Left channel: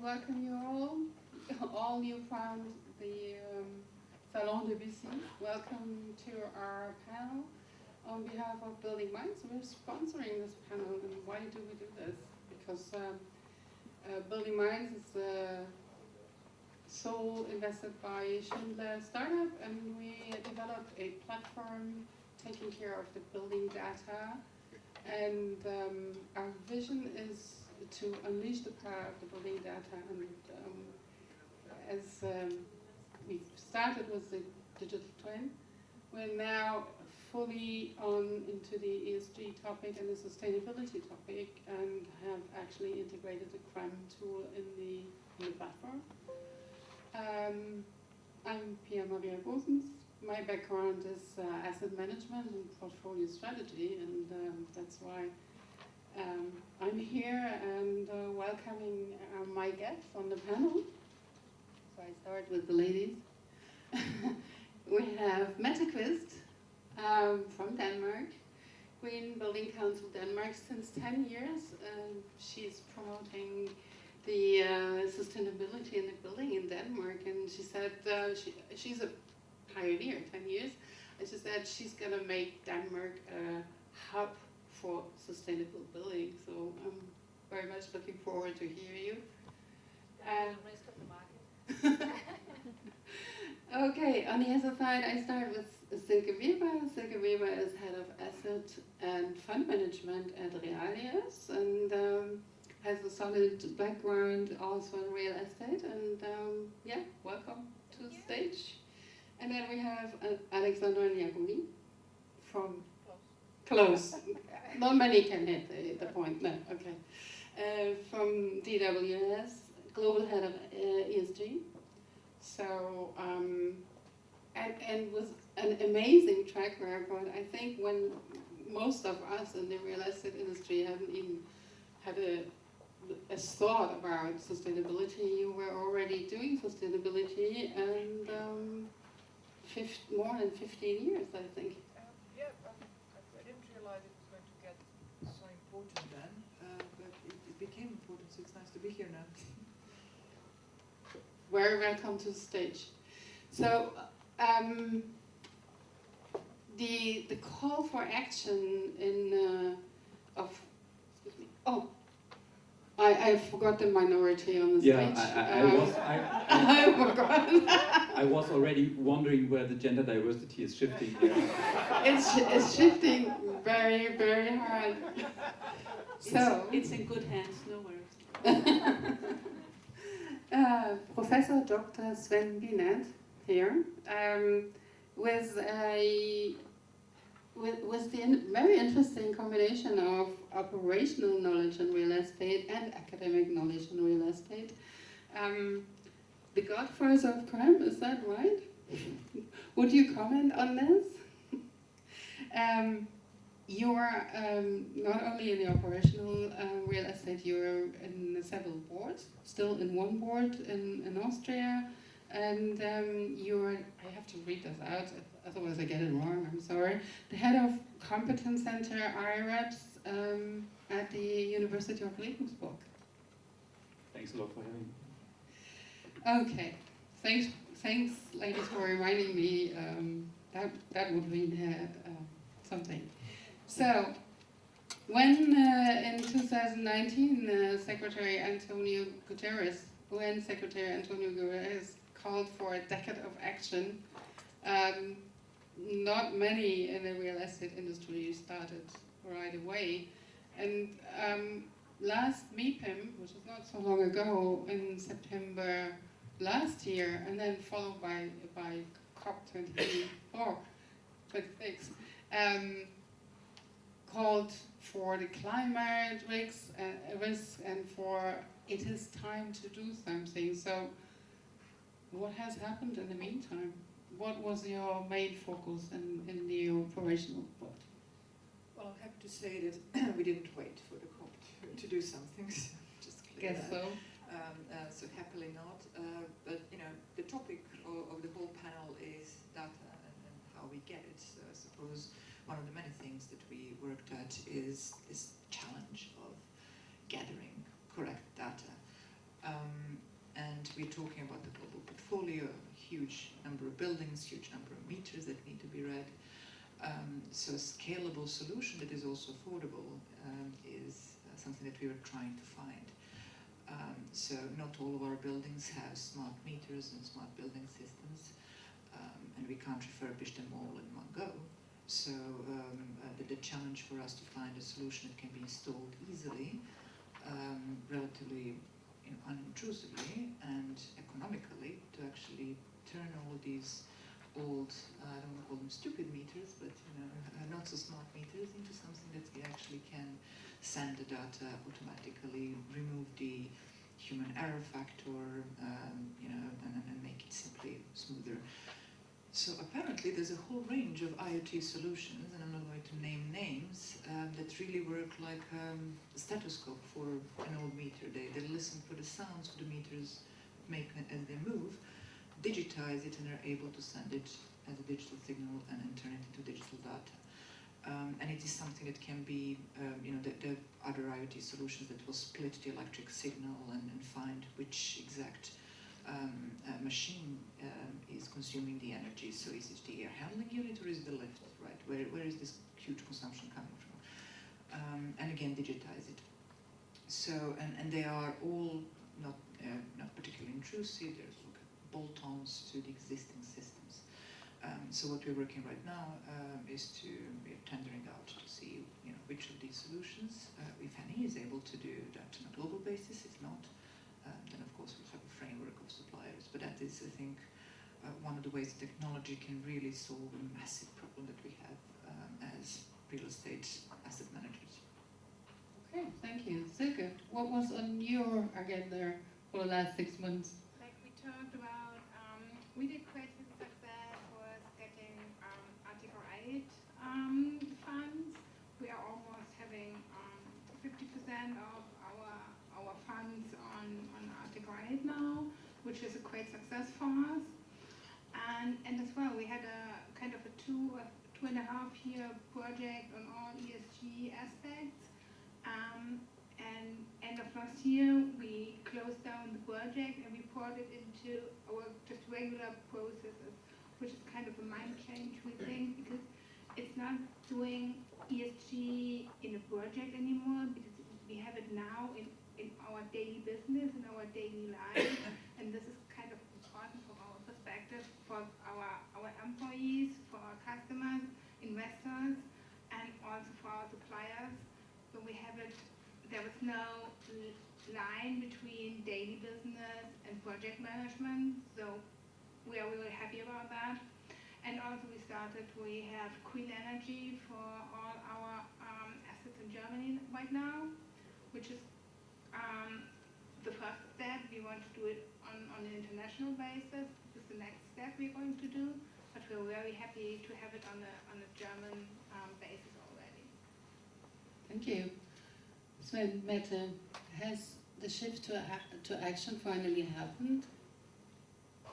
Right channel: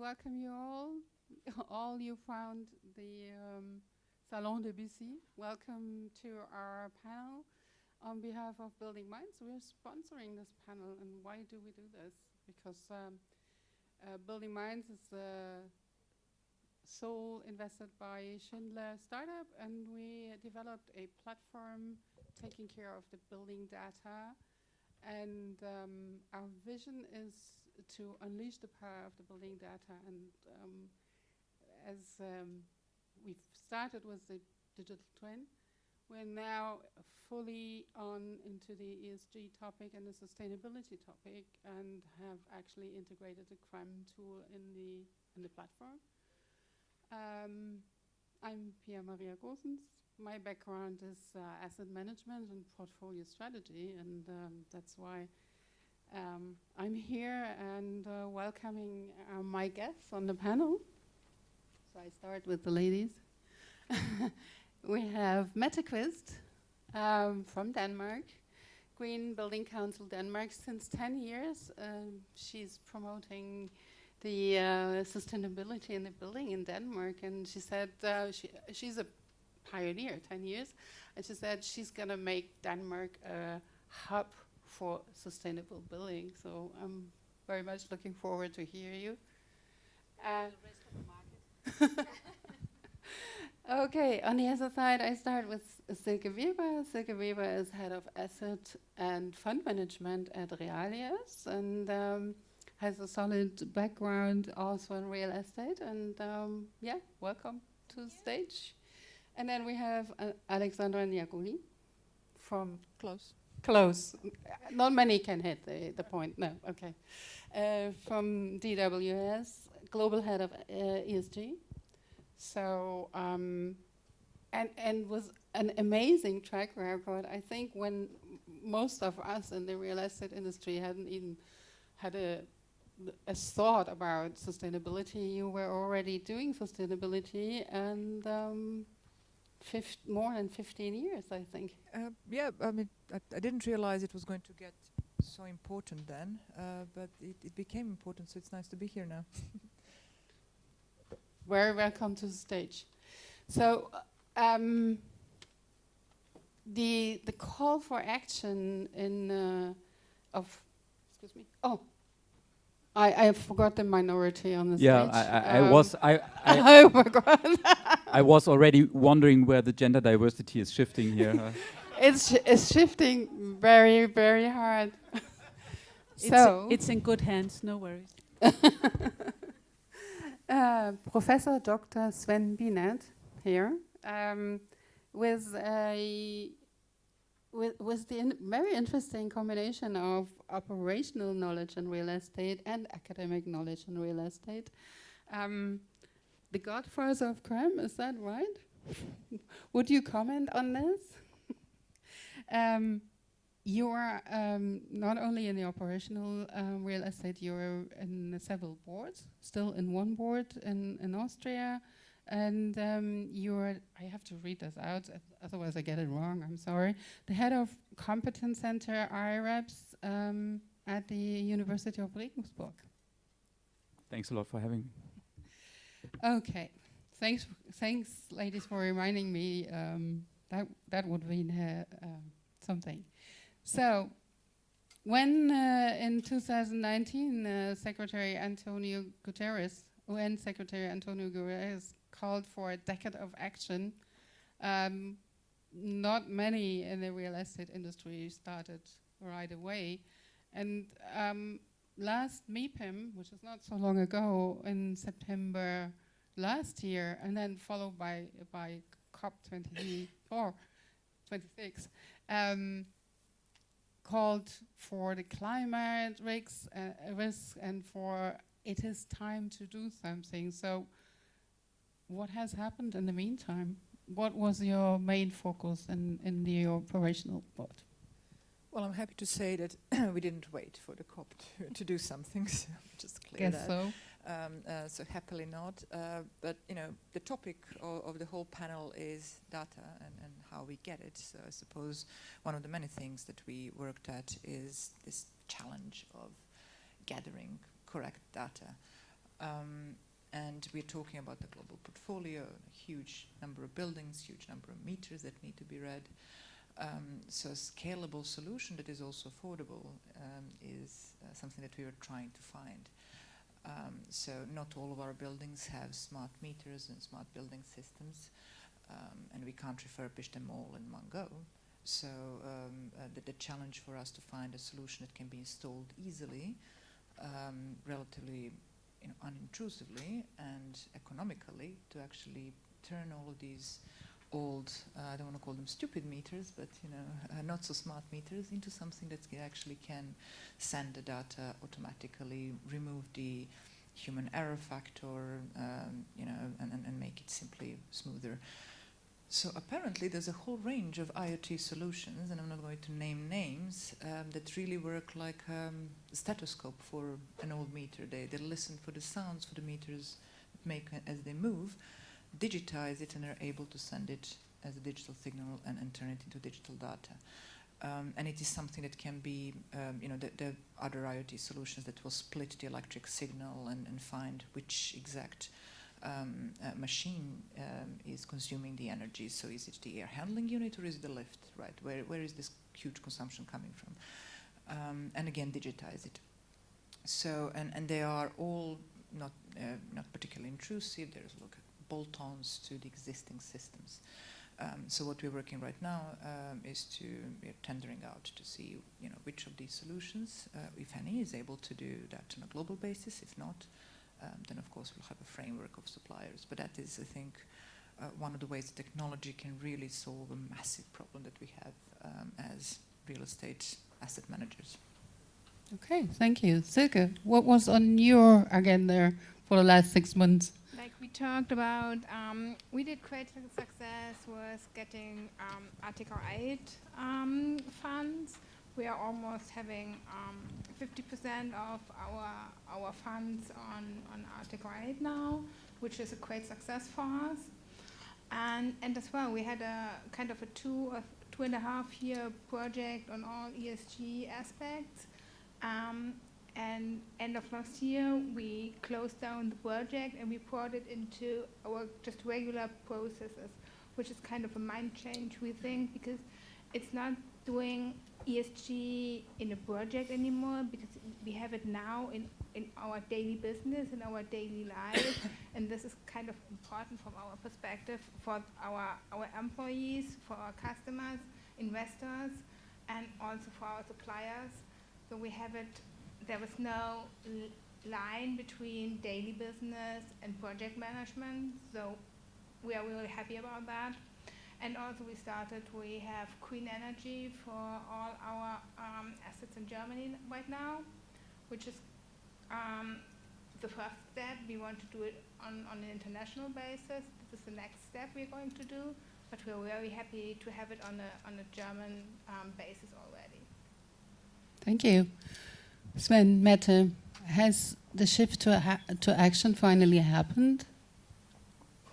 welcome you all you found the Salon de Bussy. Welcome to our panel. On behalf of Building Minds, we're sponsoring this panel, and why do we do this? Because Building Minds is sole invested by Schindler startup, and we developed a platform taking care of the building data. And our vision is to unleash the power of the building data. And as we've started with the digital twin, we're now fully on into the ESG topic and the sustainability topic, and have actually integrated the CREM tool in the platform. I'm Goossens. My background is asset management and portfolio strategy, and that's why I'm here and welcoming my guests on the panel. So I start with the ladies. We have Mette Qvist from Denmark, Green Building Council Denmark since 10 years. She's promoting the sustainability in the building in Denmark, and she said she's a pioneer, 10 years, and she said she's going to make Denmark a hub for sustainable building. So I'm very much looking forward to hear you. And okay, on the other side, I start with Silke. Silke is head of asset and fund management at Realias, and has a solid background also in real estate. And yeah, welcome to the stage. And then we have Aleksandra and Njagulj from Close. Not many can hit the point. No, okay. From DWS, global head of ESG. So and was an amazing track record. I think when most of us in the real estate industry haven't even had a thought about sustainability, you were already doing sustainability, and more than 15 years, I think. Yeah, I mean, I didn't realize it was going to get so important then, but it became important, so it's nice to be here now. Very welcome to the stage. So, the call for action in excuse me. Oh, I forgot the minority on the stage. Yeah, I forgot. I was already wondering where the gender diversity is shifting here. It's shifting very, very hard. It's in good hands, no worries. Professor Dr. Sven Bienert here, with the very interesting combination of operational knowledge in real estate and academic knowledge in real estate. The godfathers of crime, is that right? Would you comment on this? You're not only in the operational real estate, you're in several boards, still in one board in Austria, and you're, I have to read this out, otherwise I get it wrong, I'm sorry, the head of Competence Center IREPS at the University of Regensburg. Thanks a lot for having me. Okay, thanks ladies for reminding me, that would be something. So, when in 2019 Secretary Antonio Guterres, UN Secretary Antonio Guterres called for a decade of action, not many in the real estate industry started right away. And last MIPIM, which is not so long ago, in September last year, and then followed by COP24, 26, called for the climate risks and for it is time to do something. So what has happened in the meantime? What was your main focus in the operational part? Well, I'm happy to say that we didn't wait for the COP to do something, so just clear Guess that. so. So happily not, but you know, the topic of the whole panel is data and how we get it. So I suppose one of the many things that we worked at is this challenge of gathering correct data. we're talking about the global portfolio, huge number of buildings, huge number of meters that need to be read. So scalable solution that is also affordable is something that we are trying to find. So not all of our buildings have smart meters and smart building systems, and we can't refurbish them all in one go. So the challenge for us to find a solution that can be installed easily, relatively unintrusively and economically, to actually turn all of these old, I don't want to call them stupid meters, but not so smart meters, into something that actually can send the data automatically, remove the human error factor, and make it simply smoother. So apparently there's a whole range of IoT solutions, and I'm not going to name names, that really work like a stethoscope for an old meter. They listen for the sounds for the meters make as they move, digitize it, and are able to send it as a digital signal and turn it into digital data. And it is something that can be, the other IoT solutions that will split the electric signal and find which exact machine is consuming the energy. So is it the air handling unit or is it the lift, right? Where is this huge consumption coming from? And again, digitize it. So, and they are all not particularly intrusive. There's bolt-ons to the existing systems. So what we're working right now is to tendering out to see which of these solutions, if any, is able to do that on a global basis. If not, then of course we'll have a framework of suppliers. But that is, I think, one of the ways technology can really solve a massive problem that we have as real estate asset managers. Okay, thank you. Silke, what was on your agenda for the last 6 months? Like we talked about, we did great success with getting Article 8 funds. We are almost having 50% of our funds on Article 8 now, which is a great success for us. And as well, we had a kind of a 2.5 year project on all ESG aspects. And end of last year, we closed down the project and we brought it into our just regular processes, which is kind of a mind change, we think, because it's not doing ESG in a project anymore, because we have it now in our daily business, in our daily life, and this is kind of important from our perspective for our employees, for our customers, investors, and also for our suppliers. So we have it, there is no line between daily business and project management, so we are really happy about that. And also we have green energy for all our assets in Germany right now, which is the first step. We want to do it on an international basis. This is the next step we're going to do, but we're very happy to have it on a German basis already. Thank you. Sven, Mette, has the shift to action finally happened?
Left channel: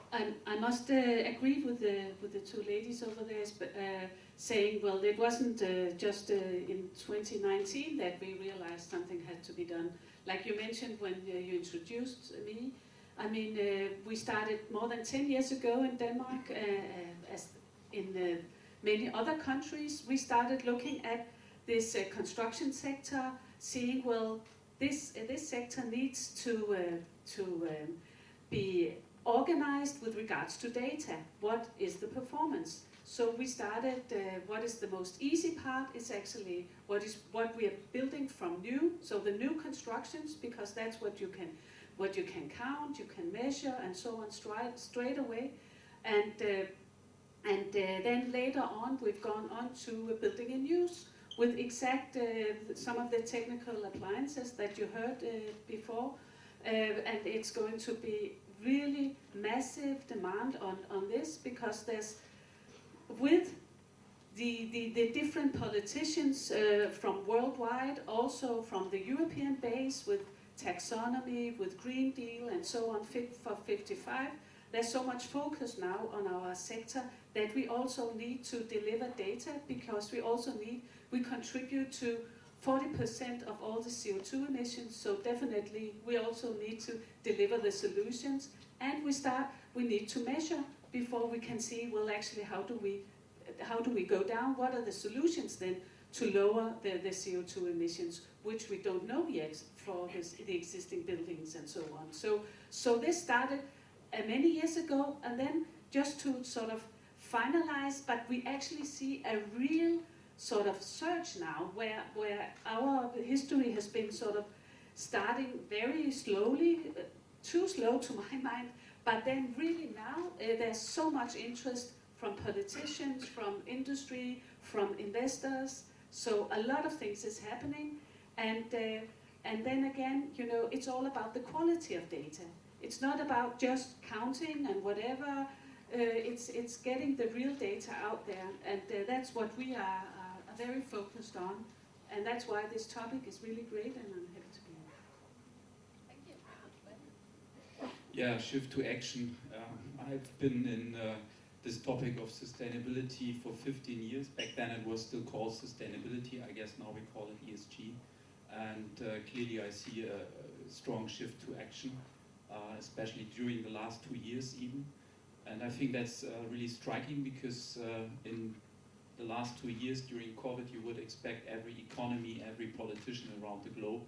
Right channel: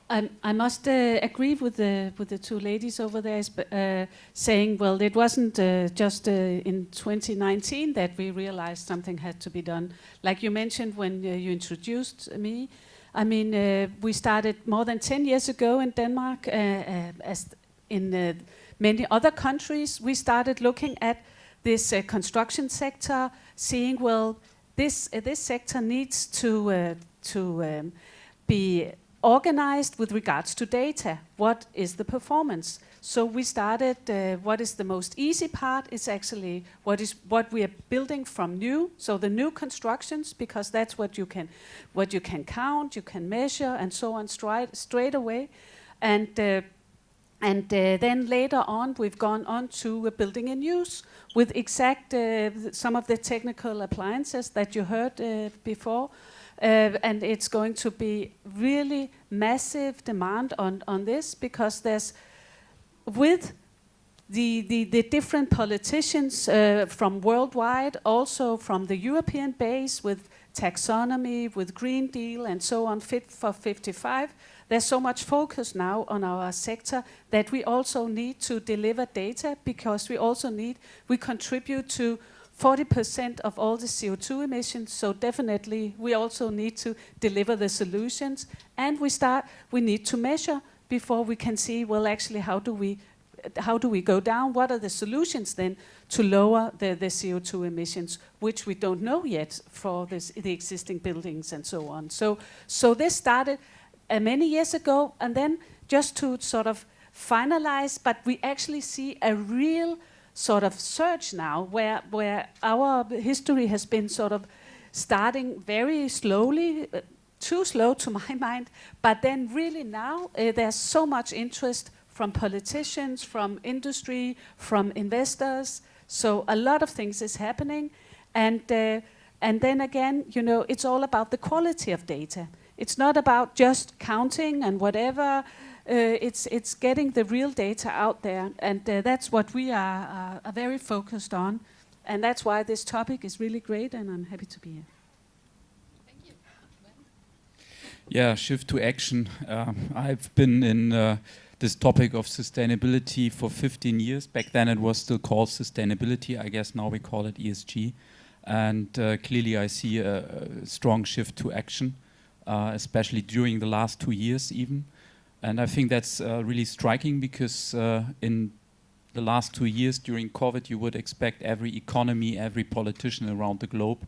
I must agree with the two ladies over there, saying, well, it wasn't just in 2019 that we realized something had to be done. Like you mentioned when you introduced me, I mean, we started more than 10 years ago in Denmark, as in many other countries. We started looking at this construction sector, seeing, well, this sector needs to be organized with regards to data. What is the performance? So we started, what is the most easy part is actually what we are building from new. So the new constructions, because that's what you can count, you can measure, and so on straight away. And then later on, we've gone on to building in use with exact some of the technical appliances that you heard before. And it's going to be really massive demand on this, because there's, with the different politicians from worldwide, also from the European base, with taxonomy, with Green Deal, and so on, Fit for 55, there's so much focus now on our sector that we also need to deliver data, because we contribute to 40% of all the CO2 emissions. So definitely we also need to deliver the solutions, and we need to measure before we can see, well, actually, how do we go down? What are the solutions then to lower the CO2 emissions, which we don't know yet for the existing buildings and so on. So this started many years ago, and then just to sort of finalize, but we actually see a real sort of surge now where our history has been sort of starting very slowly, too slow to my mind, but then really now there's so much interest from politicians, from industry, from investors. So a lot of things is happening, and then again, you know, it's all about the quality of data. It's not about just counting and whatever. It's getting the real data out there, and that's what we are very focused on, and that's why this topic is really great, and I'm happy to be here. Thank you. Yeah, shift to action. I've been in this topic of sustainability for 15 years. Back then it was still called sustainability. I guess now we call it ESG. And clearly I see a strong shift to action, especially during the last 2 years even. And I think that's really striking because in the last 2 years during COVID, you would expect every economy, every politician around the globe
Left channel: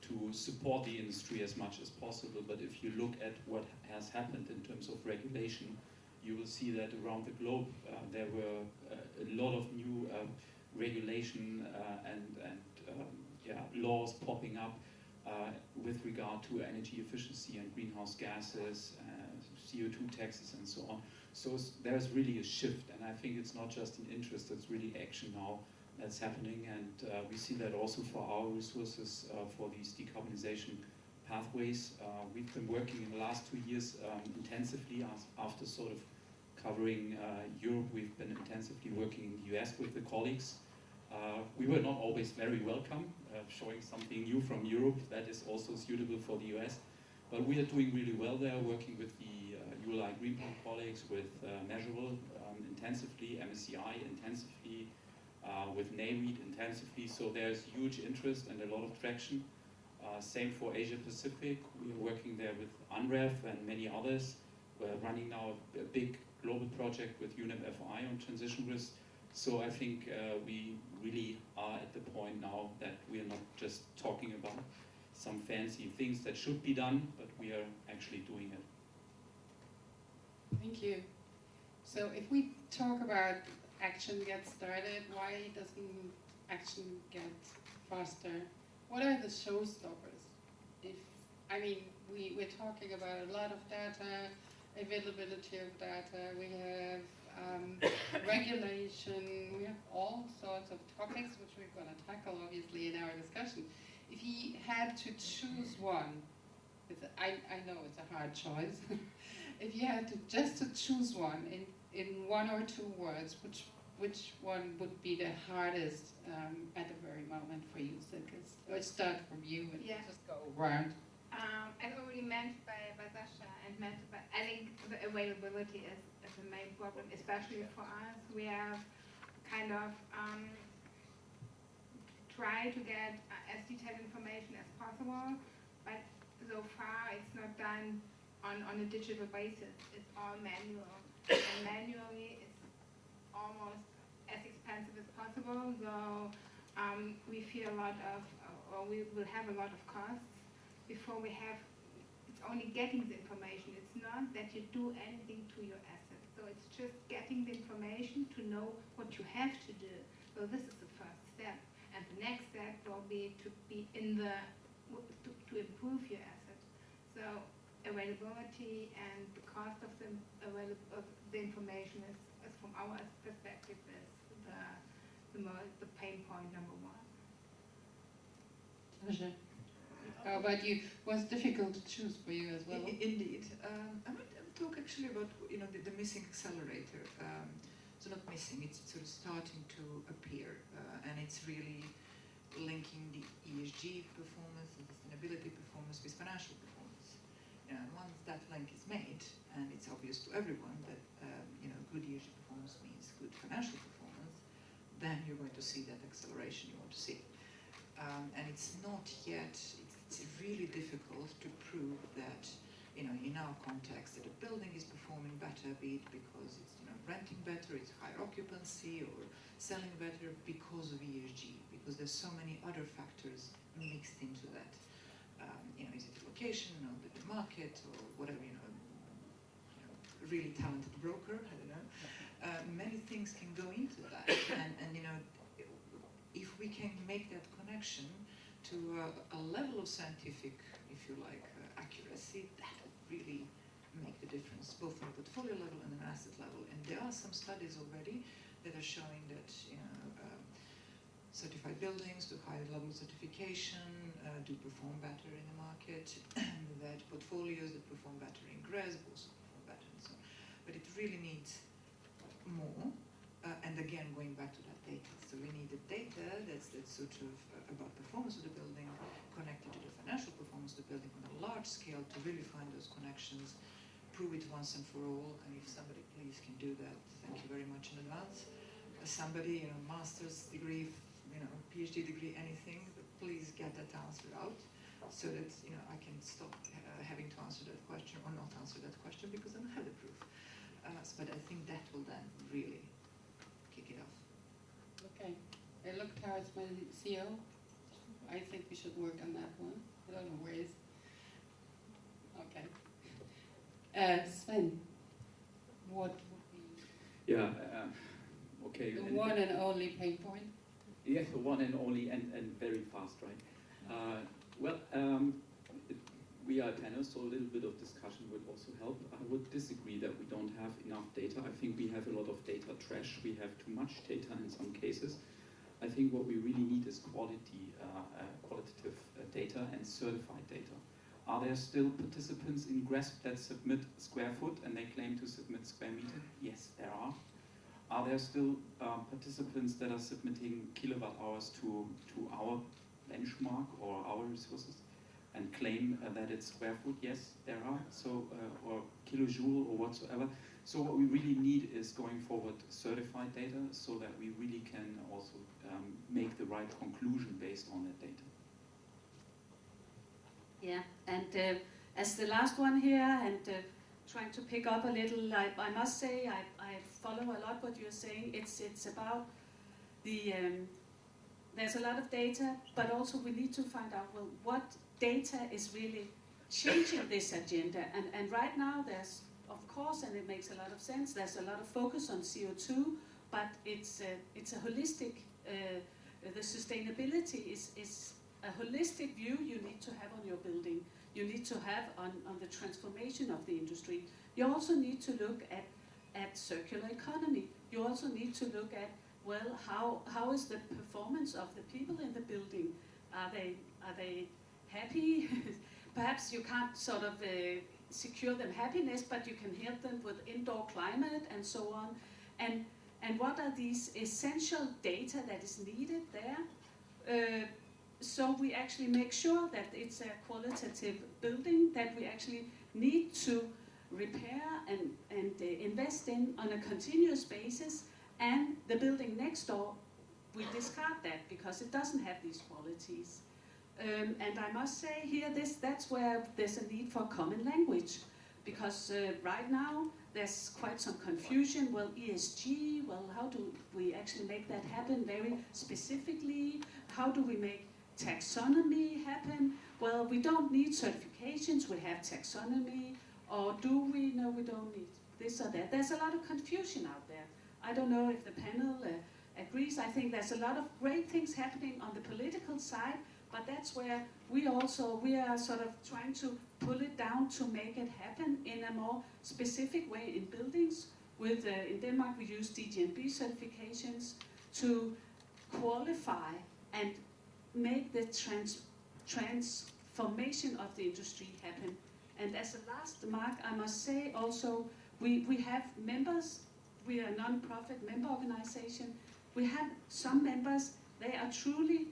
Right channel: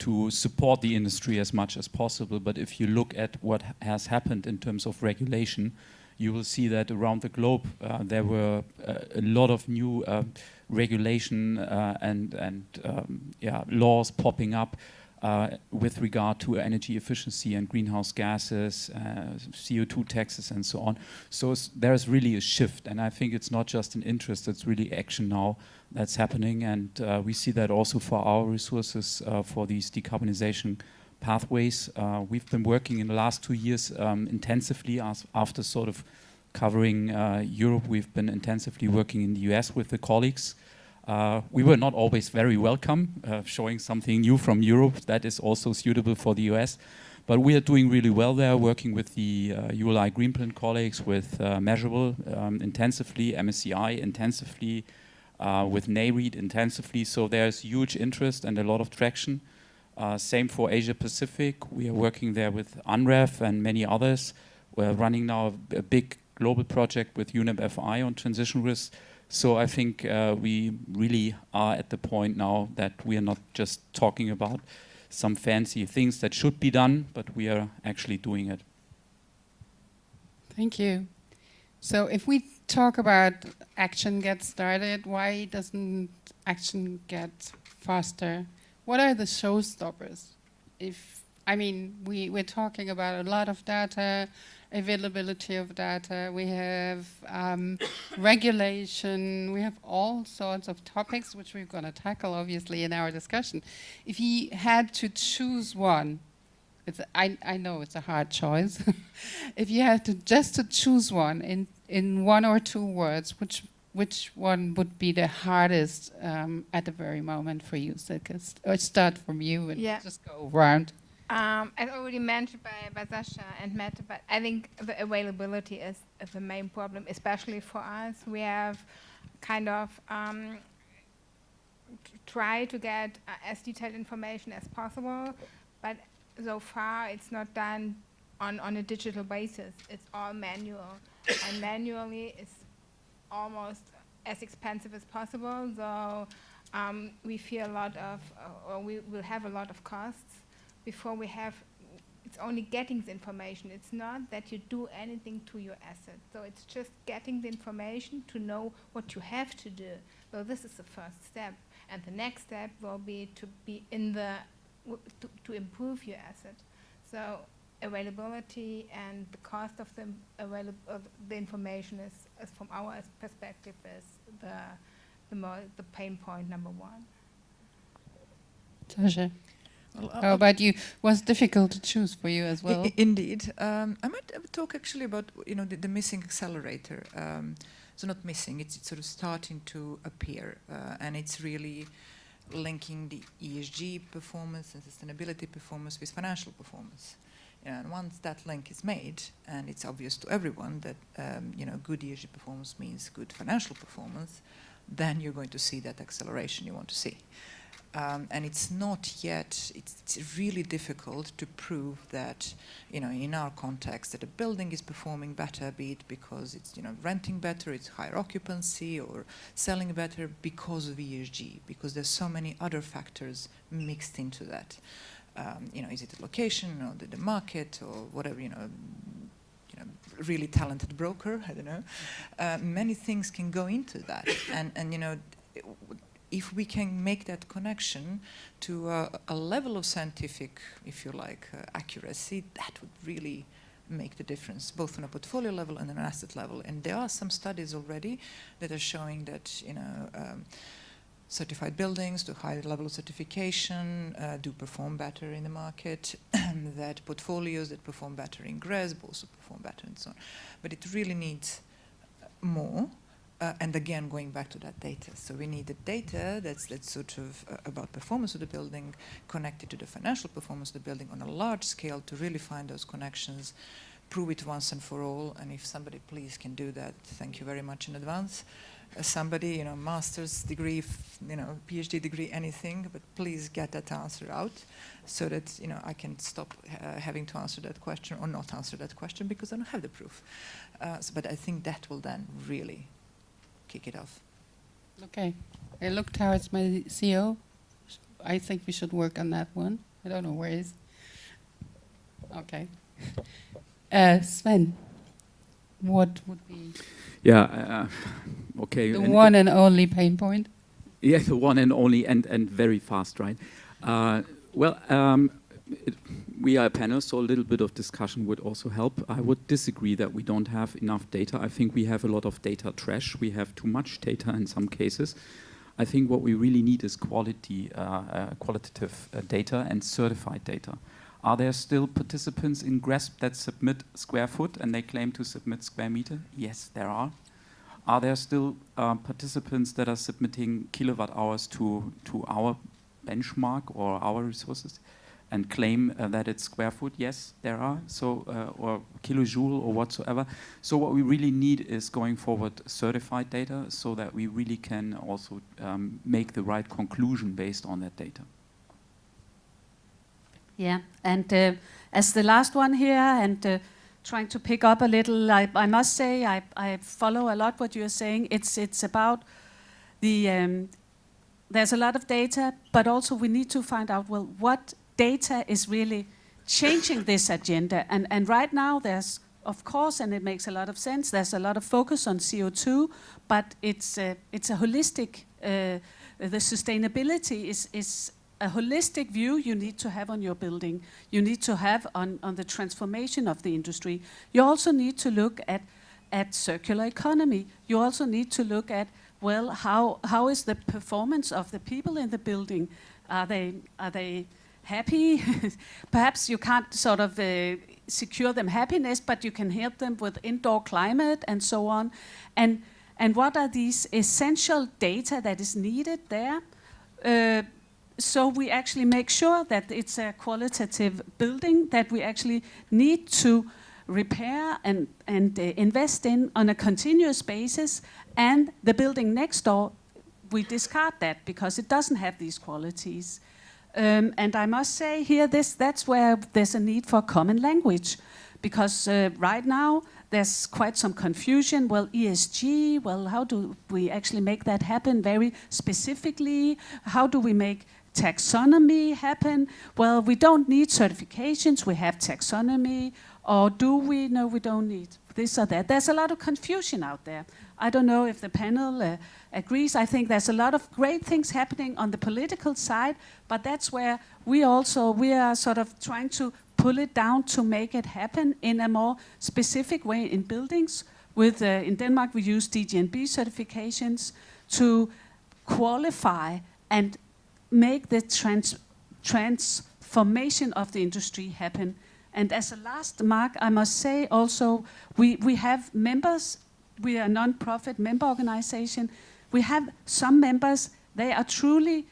to support the industry as much as possible. But if you look at what has happened in terms of regulation, you will see that around the globe there were a lot of new regulation and laws popping up with regard to energy efficiency and greenhouse gases, CO2 taxes and so on. So there's really a shift, and I think it's not just an interest, it's really action now that's happening, and we see that also for our resources for these decarbonization pathways. We've been working in the last 2 years intensively after sort of covering Europe. We've been intensively working in the US with the colleagues. We were not always very welcome, showing something new from Europe that is also suitable for the US. But we are doing really well there, working with the ULI Greenplan colleagues, with Measurable intensively, MSCI intensively, with NAREIT intensively. So there's huge interest and a lot of traction. Same for Asia Pacific. We are working there with UNREF and many others. We're running now a big global project with UNEP-FI on transition risk. So I think we really are at the point now that we are not just talking about some fancy things that should be done, but we are actually doing it. Thank you. So if we talk about action gets started, why doesn't action get faster? What are the showstoppers? We're talking about a lot of data, availability of data, we have regulation, we have all sorts of topics which we're going to tackle obviously in our discussion. If you had to choose one, I know it's a hard choice. If you had to choose one in 1 or 2 words, which one would be the hardest at the very moment for you, Silke? Or start from you and just go around. As already mentioned by Sasha and Mette, but I think the availability is the main problem, especially for us. We have kind of tried to get as detailed information as possible, but so far it's not done on a digital basis. It's all manual, and manually it's almost as expensive as possible. So we fear a lot of, or we will have a lot of costs before we have. It's only getting the information. It's not that you do anything to your asset. So it's just getting the information to know what you have to do. So this is the first step, and the next step will be to be in the to improve your asset. So availability and the cost of the information is from our perspective is the pain point number 1. Sasha, how about you? Was it difficult to choose for you as well? Indeed. I might talk actually about the missing accelerator. So not missing, it's sort of starting to appear, and it's really linking the ESG performance and sustainability performance with financial performance. And once that link is made, and it's obvious to everyone that good ESG performance means good financial performance, then you're going to see that acceleration you want to see. And it's not yet, it's really difficult to prove that, in our context, that a building is performing better, be it because it's, renting better, it's higher occupancy, or selling better because of ESG, because there's so many other factors mixed into that. Is it the location, or the market, or whatever, really talented broker, I don't know. Many things can go into that. And if we can make that connection to a level of scientific, if you like, accuracy, that would really make the difference, both on a portfolio level and an asset level. And there are some studies already that are showing that, certified buildings to higher level of certification do perform better in the market, that portfolios that perform better in GRESB also perform better, and so on. But it really needs more. And again, going back to that data. So we need the data that's sort of about performance of the building, connected to the financial performance of the building on a large scale to really find those connections, prove it once and for all. And if somebody please can do that, thank you very much in advance. Somebody, master's degree, PhD degree, anything, but please get that answer out so that, I can stop having to answer that question or not answer that question because I don't have the proof. But I think that will then really kick it off. Okay. I look towards my CEO. I think we should work on that one. I don't know where he is. Okay. Sven, what would be okay. the one and only pain point? Yeah, the one and only, and very fast, right? We are a panel, so a little bit of discussion would also help. I would disagree that we don't have enough data. I think we have a lot of data trash. We have too much data in some cases. I think what we really need is qualitative data and certified data. Are there still participants in GRESB that submit square foot and they claim to submit square meter? Yes, there are. Are there still participants that are submitting kilowatt hours to our benchmark or our resources and claim that it's square foot? Yes, there are. So, or kilojoule or whatsoever. So what we really need is going forward certified data so that we really can also make the right conclusion based on that data. Yeah, and as the last one here, and trying to pick up a little, I must say I follow a lot what you're saying. It's about the there's a lot of data, but also we need to find out, well, what data is really changing this agenda. And right now there's, of course, and it makes a lot of sense, there's a lot of focus on CO2, but it's a holistic, the sustainability is a holistic view you need to have on your building. You need to have on the transformation of the industry. You also need to look at circular economy. You also need to look at, well, how is the performance of the people in the building? Are they happy? Perhaps you can't sort of secure them happiness, but you can help them with indoor climate and so on. And what are these essential data that is needed there? So we actually make sure that it's a qualitative building that we actually need to repair and invest in on a continuous basis. And the building next door, we discard that because it doesn't have these qualities. And I must say here, that's where there's a need for common language. Because right now, there's quite some confusion. Well, ESG, well, how do we actually make that happen very specifically? How do we make taxonomy happen? Well, we don't need certifications, we have taxonomy. Or do we? No, we don't need this or that. There's a lot of confusion out there. I don't know if the panel agrees. I think there's a lot of great things happening on the political side, but that's where we are sort of trying to pull it down to make it happen in a more specific way in buildings. With in Denmark, we use DGNB certifications to qualify and make the transformation of the industry happen. And as a last mark, I must say also, we have members. We are a non-profit member organization. We have some members, they are truly,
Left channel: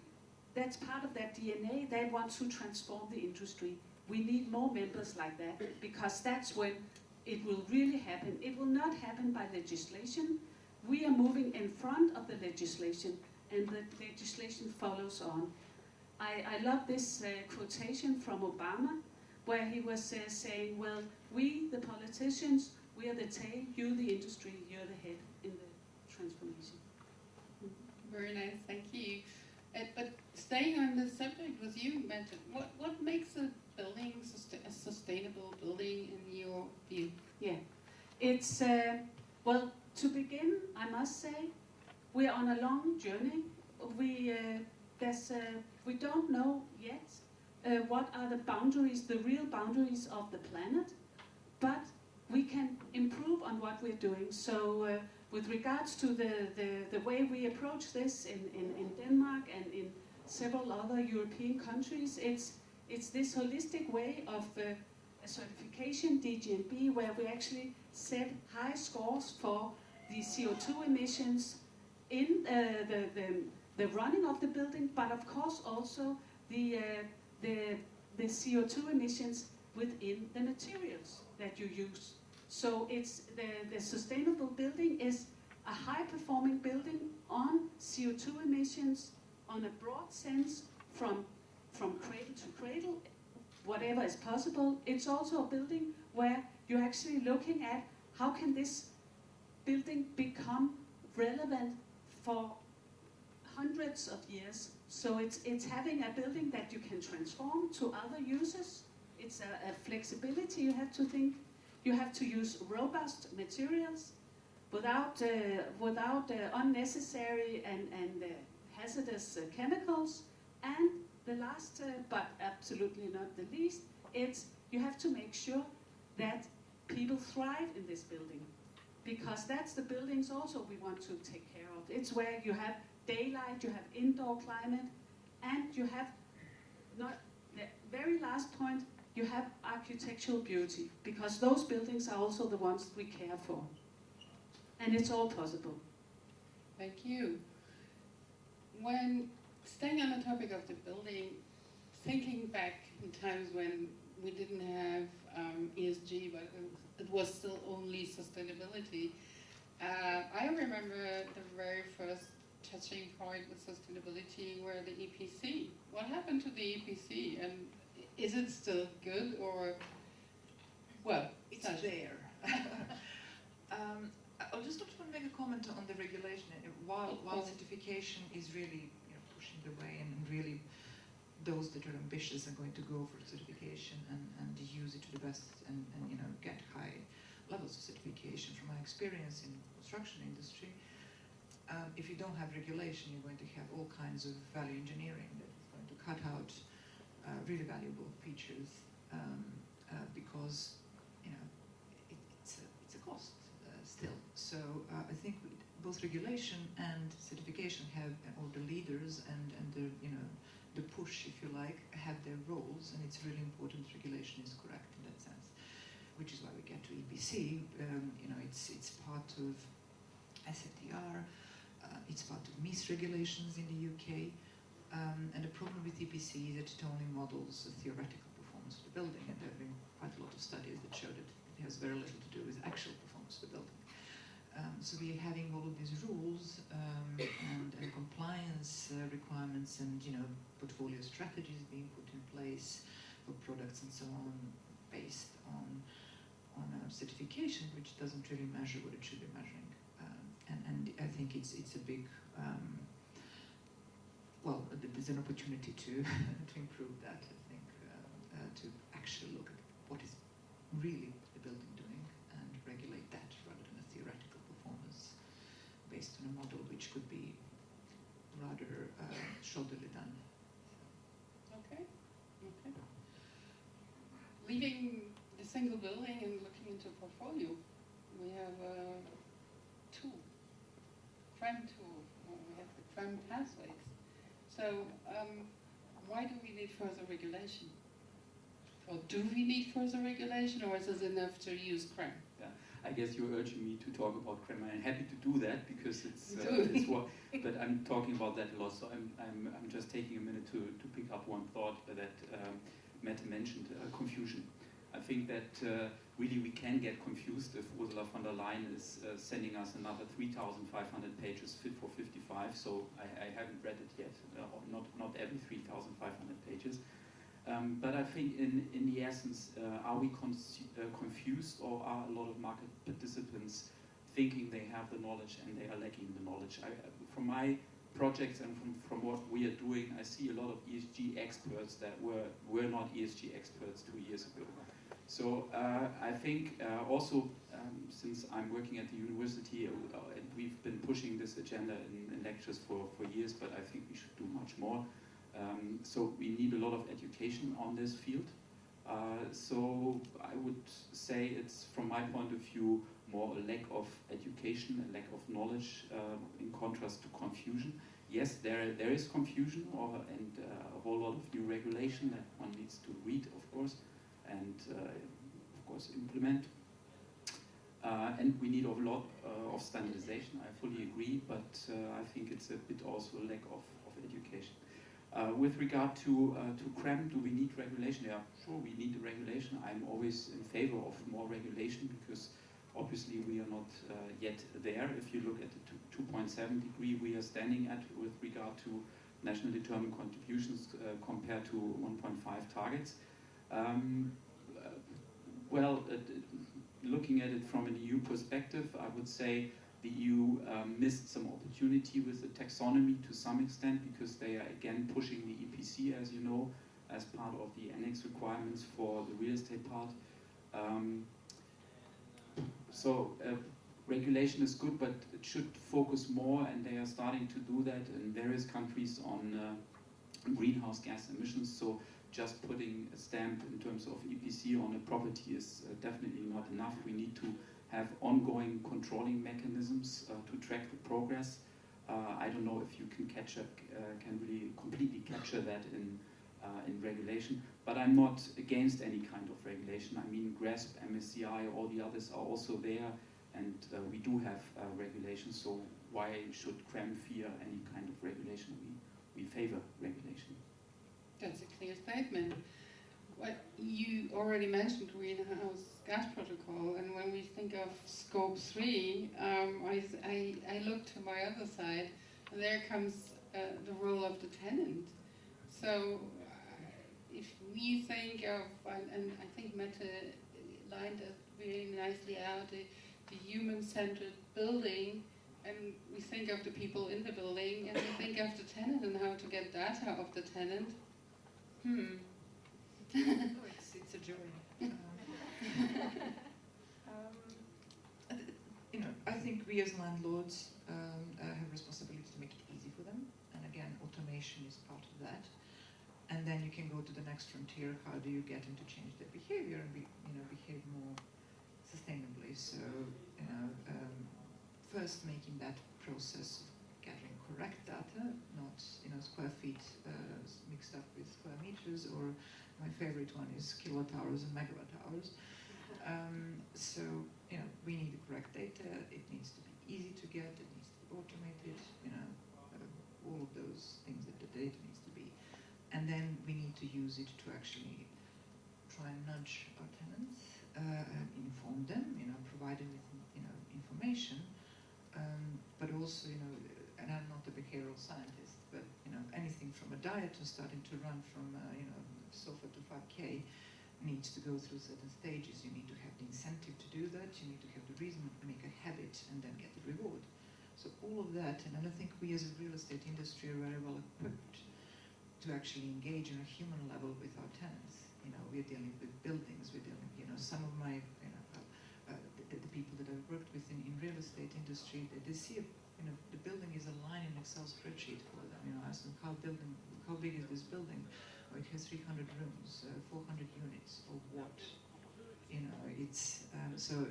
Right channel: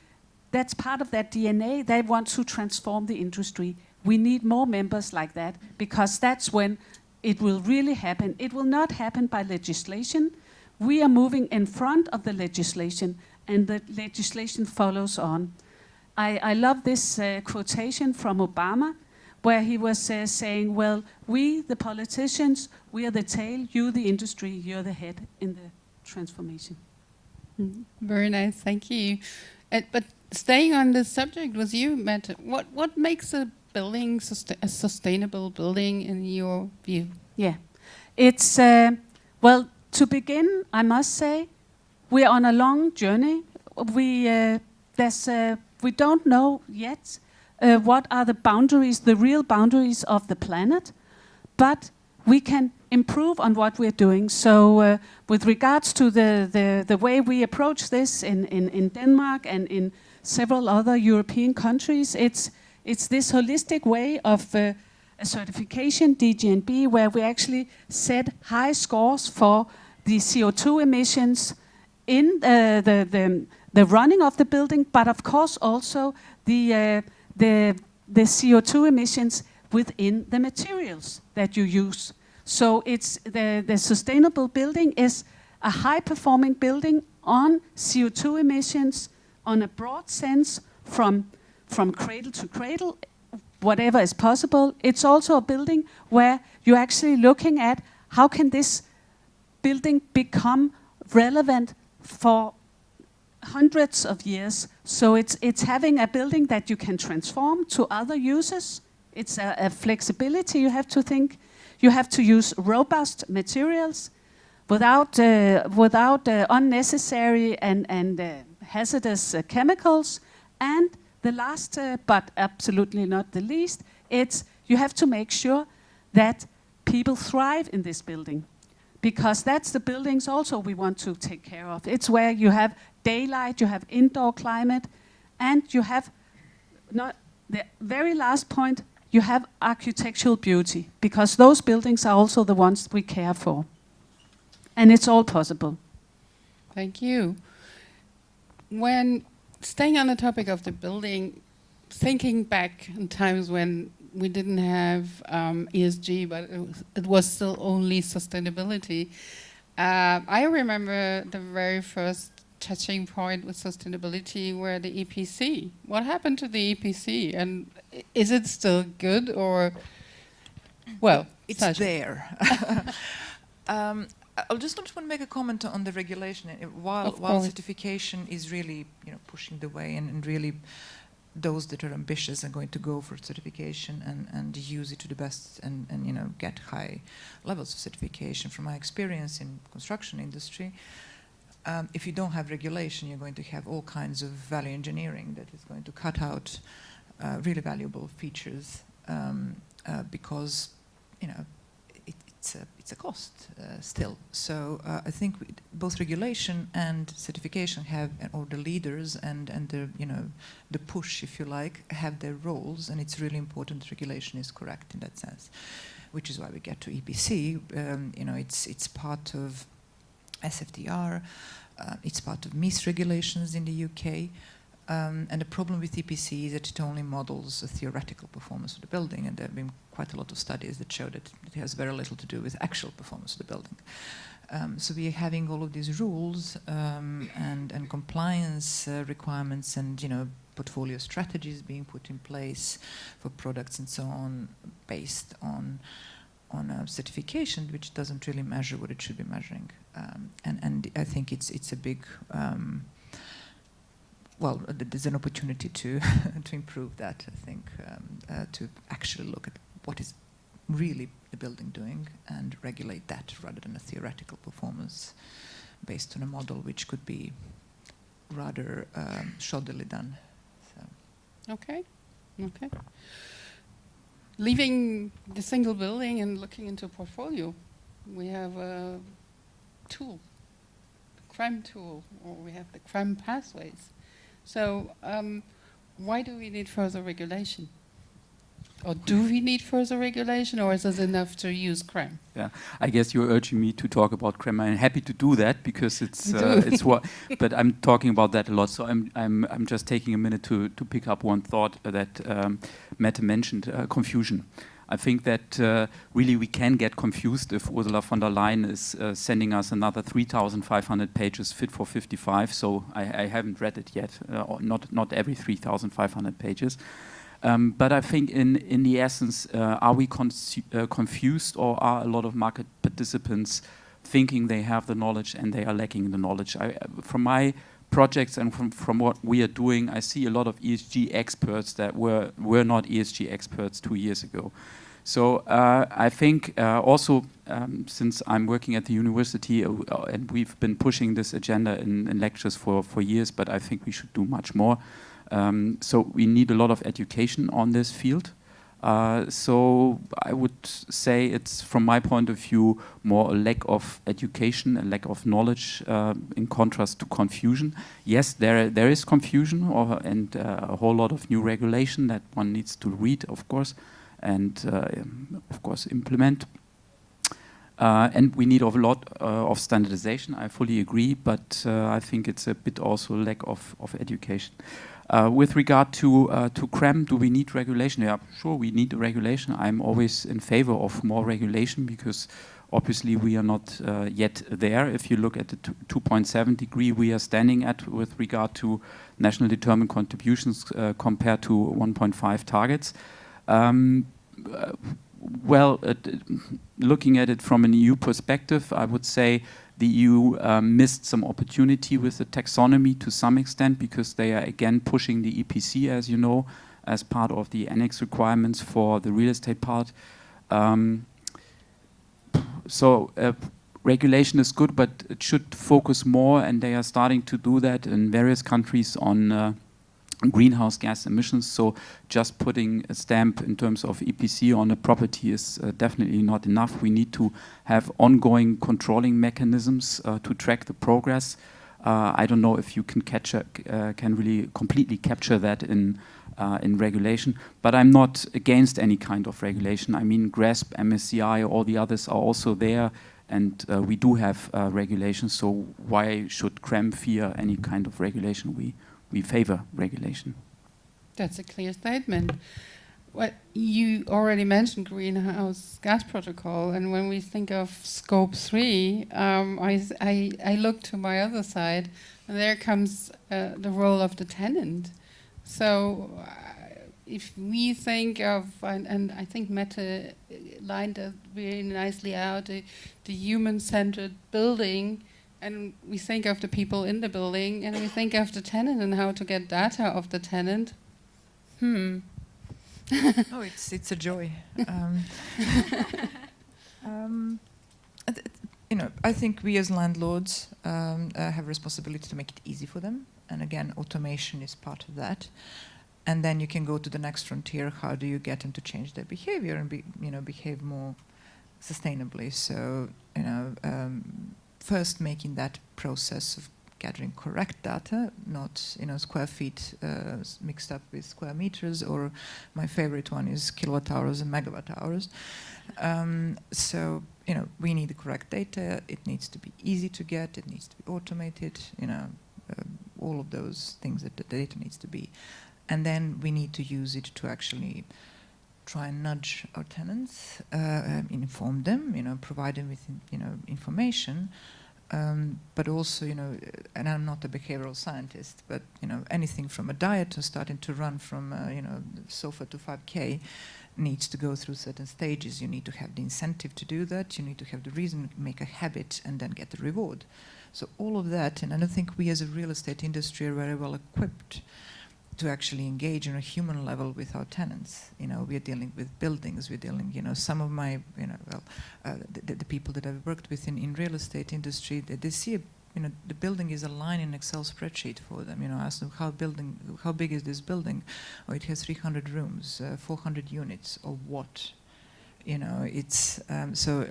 that's part of their DNA, they want to transform the industry. We need more members like that, because that's when it will really happen. It will not happen by legislation. We are moving in front of the legislation, and the legislation follows on. I love this quotation from Obama, where he was saying, well, we, the politicians, we are the tail, you, the industry, you're the head in the transformation. Very nice, thank you. But staying on this subject with you, Mette, what makes a building a sustainable building in your view? Yeah, it's, well, to begin, I must say, we're on a long journey. We don't know yet what are the boundaries, the real boundaries of the planet, but we can improve on what we're doing. So with regards to the way we approach this in Denmark and in several other European countries, it's this holistic way of a certification, DGNB, where we actually set high scores for the CO2 emissions in the running of the building, but of course also the CO2 emissions within the materials that you use. So it's the sustainable building is a high-performing building on CO2 emissions on a broad sense from cradle to cradle, whatever is possible. It's also a building where you're actually looking at how can this building become relevant for hundreds of years. So it's having a building that you can transform to other uses. It's a flexibility. You have to think. You have to use robust materials without unnecessary and hazardous chemicals. And the last, but absolutely not the least, it's you have to make sure that people thrive in this building, because that's the buildings also we want to take care of. It's where you have daylight, you have indoor climate, and you have, not the very last point, you have architectural beauty, because those buildings are also the ones we care for. And it's all possible. Thank you. When staying on the topic of the building, thinking back in times when we didn't have ESG, but it was still only sustainability, I remember the very first touching point with sustainability were the EPC. What happened to the EPC, and is it still good, or, well, it's there. I just want to make a comment on the regulation. While certification is really, pushing the way, and really those that are ambitious are going to go for certification and use it to the best, and get high levels of certification. From my experience in construction industry, if you don't have regulation, you're going to have all kinds of value engineering that is going to cut out really valuable features, because it's a cost still. So I think both regulation and certification have, or the leaders and the push, if you like, have their roles, and it's really important regulation is correct in that sense, which is why we get to EPC. It's part of SFDR, it's part of MIPIM regulations in the UK. And the problem with EPC is that it only models a theoretical performance of the building, and there have been quite a lot of studies that show that it has very little to do with actual performance of the building. So we are having all of these rules and compliance requirements, and portfolio strategies being put in place for products and so on, based on a certification which doesn't really measure what it should be measuring. And I think it's a big well, there's an opportunity to to improve that, I think, to actually look at what is really the building doing and regulate that rather than a theoretical performance based on a model which could be rather shoddily done. So. Okay. Leaving the single building and looking into portfolio, we have a tool, the crime tool, or we have the crime pathways. So why do we need further regulation? Or do we need further regulation, or is it enough to use CREM? Yeah, I guess you're urging me to talk about CREM. I'm happy to do that because it's what. But I'm talking about that a lot. So I'm just taking a minute to pick up one thought that Mette mentioned: confusion. I think that really we can get confused if Ursula von der Leyen is sending us another 3,500 pages fit for 55. So I haven't read it yet, not every 3,500 pages. But I think in the essence, are we confused, or are a lot of market participants thinking they have the knowledge and they are lacking the knowledge? From my projects and from what we are doing, I see a lot of ESG experts that were not ESG experts 2 years ago. So I think also since I'm working at the university and we've been pushing this agenda in lectures for years, but I think we should do much more. So we need a lot of education on this field. So I would say it's, from my point of view, more a lack of education, a lack of knowledge, in contrast to confusion. Yes, there is confusion and a whole lot of new regulation that one needs to read, of course, and of course implement. And we need a lot of standardization, I fully agree, but I think it's a bit also a lack of education. With regard to CREM, do we need regulation? Yeah, sure, we need regulation. I'm always in favor of more regulation because obviously we are not yet there. If you look at the 2.7 degree we are standing at with regard to national determined contributions compared to 1.5 targets. Looking at it from an EU perspective, I would say the EU missed some opportunity with the taxonomy to some extent because they are again pushing the EPC, as you know, as part of the annex requirements for the real estate part. Regulation is good, but it should focus more, and they are starting to do that in various countries on greenhouse gas emissions. So just putting a stamp in terms of EPC on a property is definitely not enough. We need to have ongoing controlling mechanisms to track the progress. I don't know if you can really completely capture that in regulation, but I'm not against any kind of regulation. I mean, GRESP, MSCI, all the others are also there, and we do have regulations. So why should CREM fear any kind of regulation? We favor regulation. That's a clear statement. Well, you already mentioned greenhouse gas protocol, and when we think of scope 3, I look to my other side, and there comes the role of the tenant. So if we think of, and I think Mette lined it very nicely out, the human-centered building, and we think of the people in the building, and we think of the tenant and how to get data of the tenant. Oh, it's a joy. I think we as landlords have responsibility to make it easy for them, and again, automation is part of that. And then you can go to the next frontier. How do you get them to change their behavior and behave more sustainably? So first making that process of gathering correct data, not square feet mixed up with square meters, or my favorite one is kilowatt hours and megawatt hours. So we need the correct data. It needs to be easy to get. It needs to be automated. All of those things that the data needs to be, and then we need to use it to actually try and nudge our tenants, inform them, provide them with information. But also, and I'm not a behavioral scientist, but anything from a diet to starting to run from sofa to 5K needs to go through certain stages. You need to have the incentive to do that. You need to have the reason, make a habit, and then get the reward. So all of that, and I don't think we as a real estate industry are very well equipped to actually engage on a human level with our tenants. We are dealing with buildings. We're dealing, some of my, the people that I've worked with in real estate industry, they see, the building is a line in an Excel spreadsheet for them. I ask them how big is this building? Oh, it has 300 rooms, 400 units, or what? It's so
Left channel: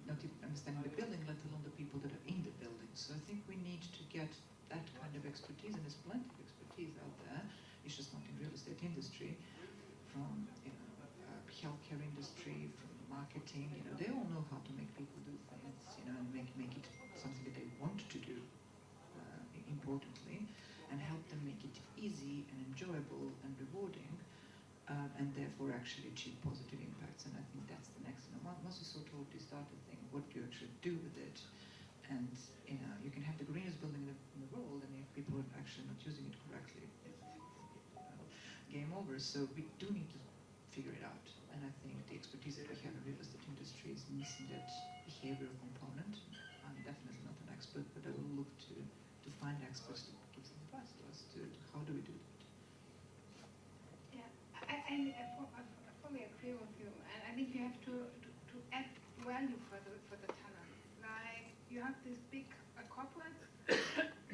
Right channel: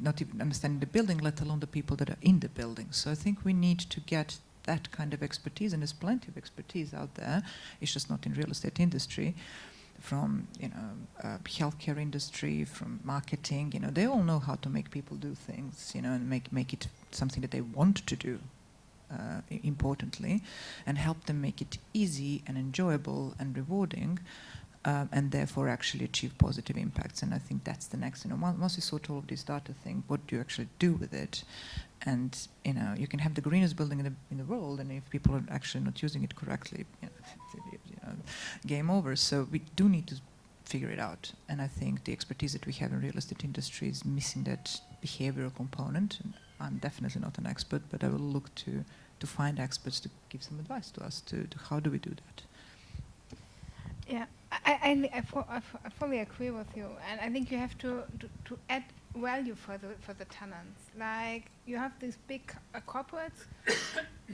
not even understanding the building, let alone the people that are in the building. So I think we need to get that kind of expertise, and there's plenty of expertise out there. It's just not in real estate industry, from healthcare industry, from marketing. They all know how to make people do things, and make it something that they want to do. Importantly, and help them make it easy and enjoyable and rewarding. and therefore actually achieve positive impacts. And I think that's the next, once you sort all this data thing, what do you actually do with it? And you can have the greenest building in the world, and if people are actually not using it correctly, game over. So we do need to figure it out. And I think the expertise that we have in real estate industry is missing that behavioral component. And I'm definitely not an expert, but I will look to find experts to give some advice to us to how do we do that. Yeah, I fully agree with you, and I think you have to add value for the tenants. Like, you have these big corporates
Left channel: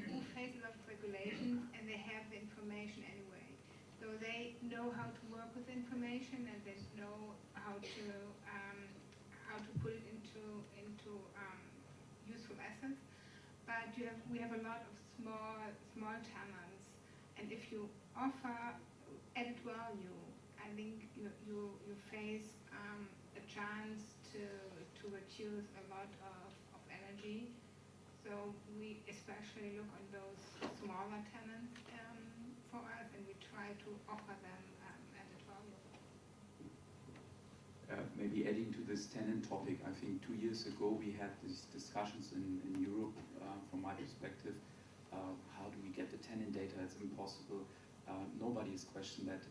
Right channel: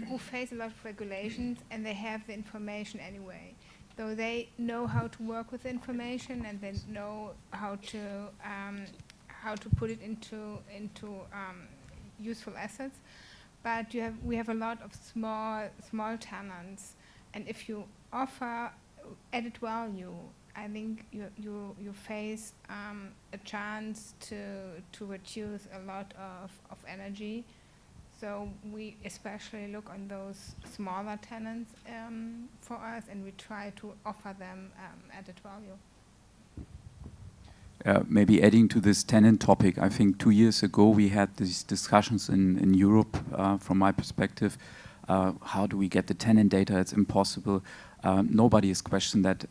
who face a lot of regulations, and they have the information anyway. So they know how to work with information, and they know how to put it into useful assets. But we have a lot of small tenants, and if you offer added value, I think you face a chance to reduce a lot of energy. So we especially look on those smaller tenants for us, and we try to offer them added value. Maybe adding to this tenant topic, I think 2 years ago we had these discussions in Europe, from my perspective, how do we get the tenant data? It's impossible. Nobody has questioned that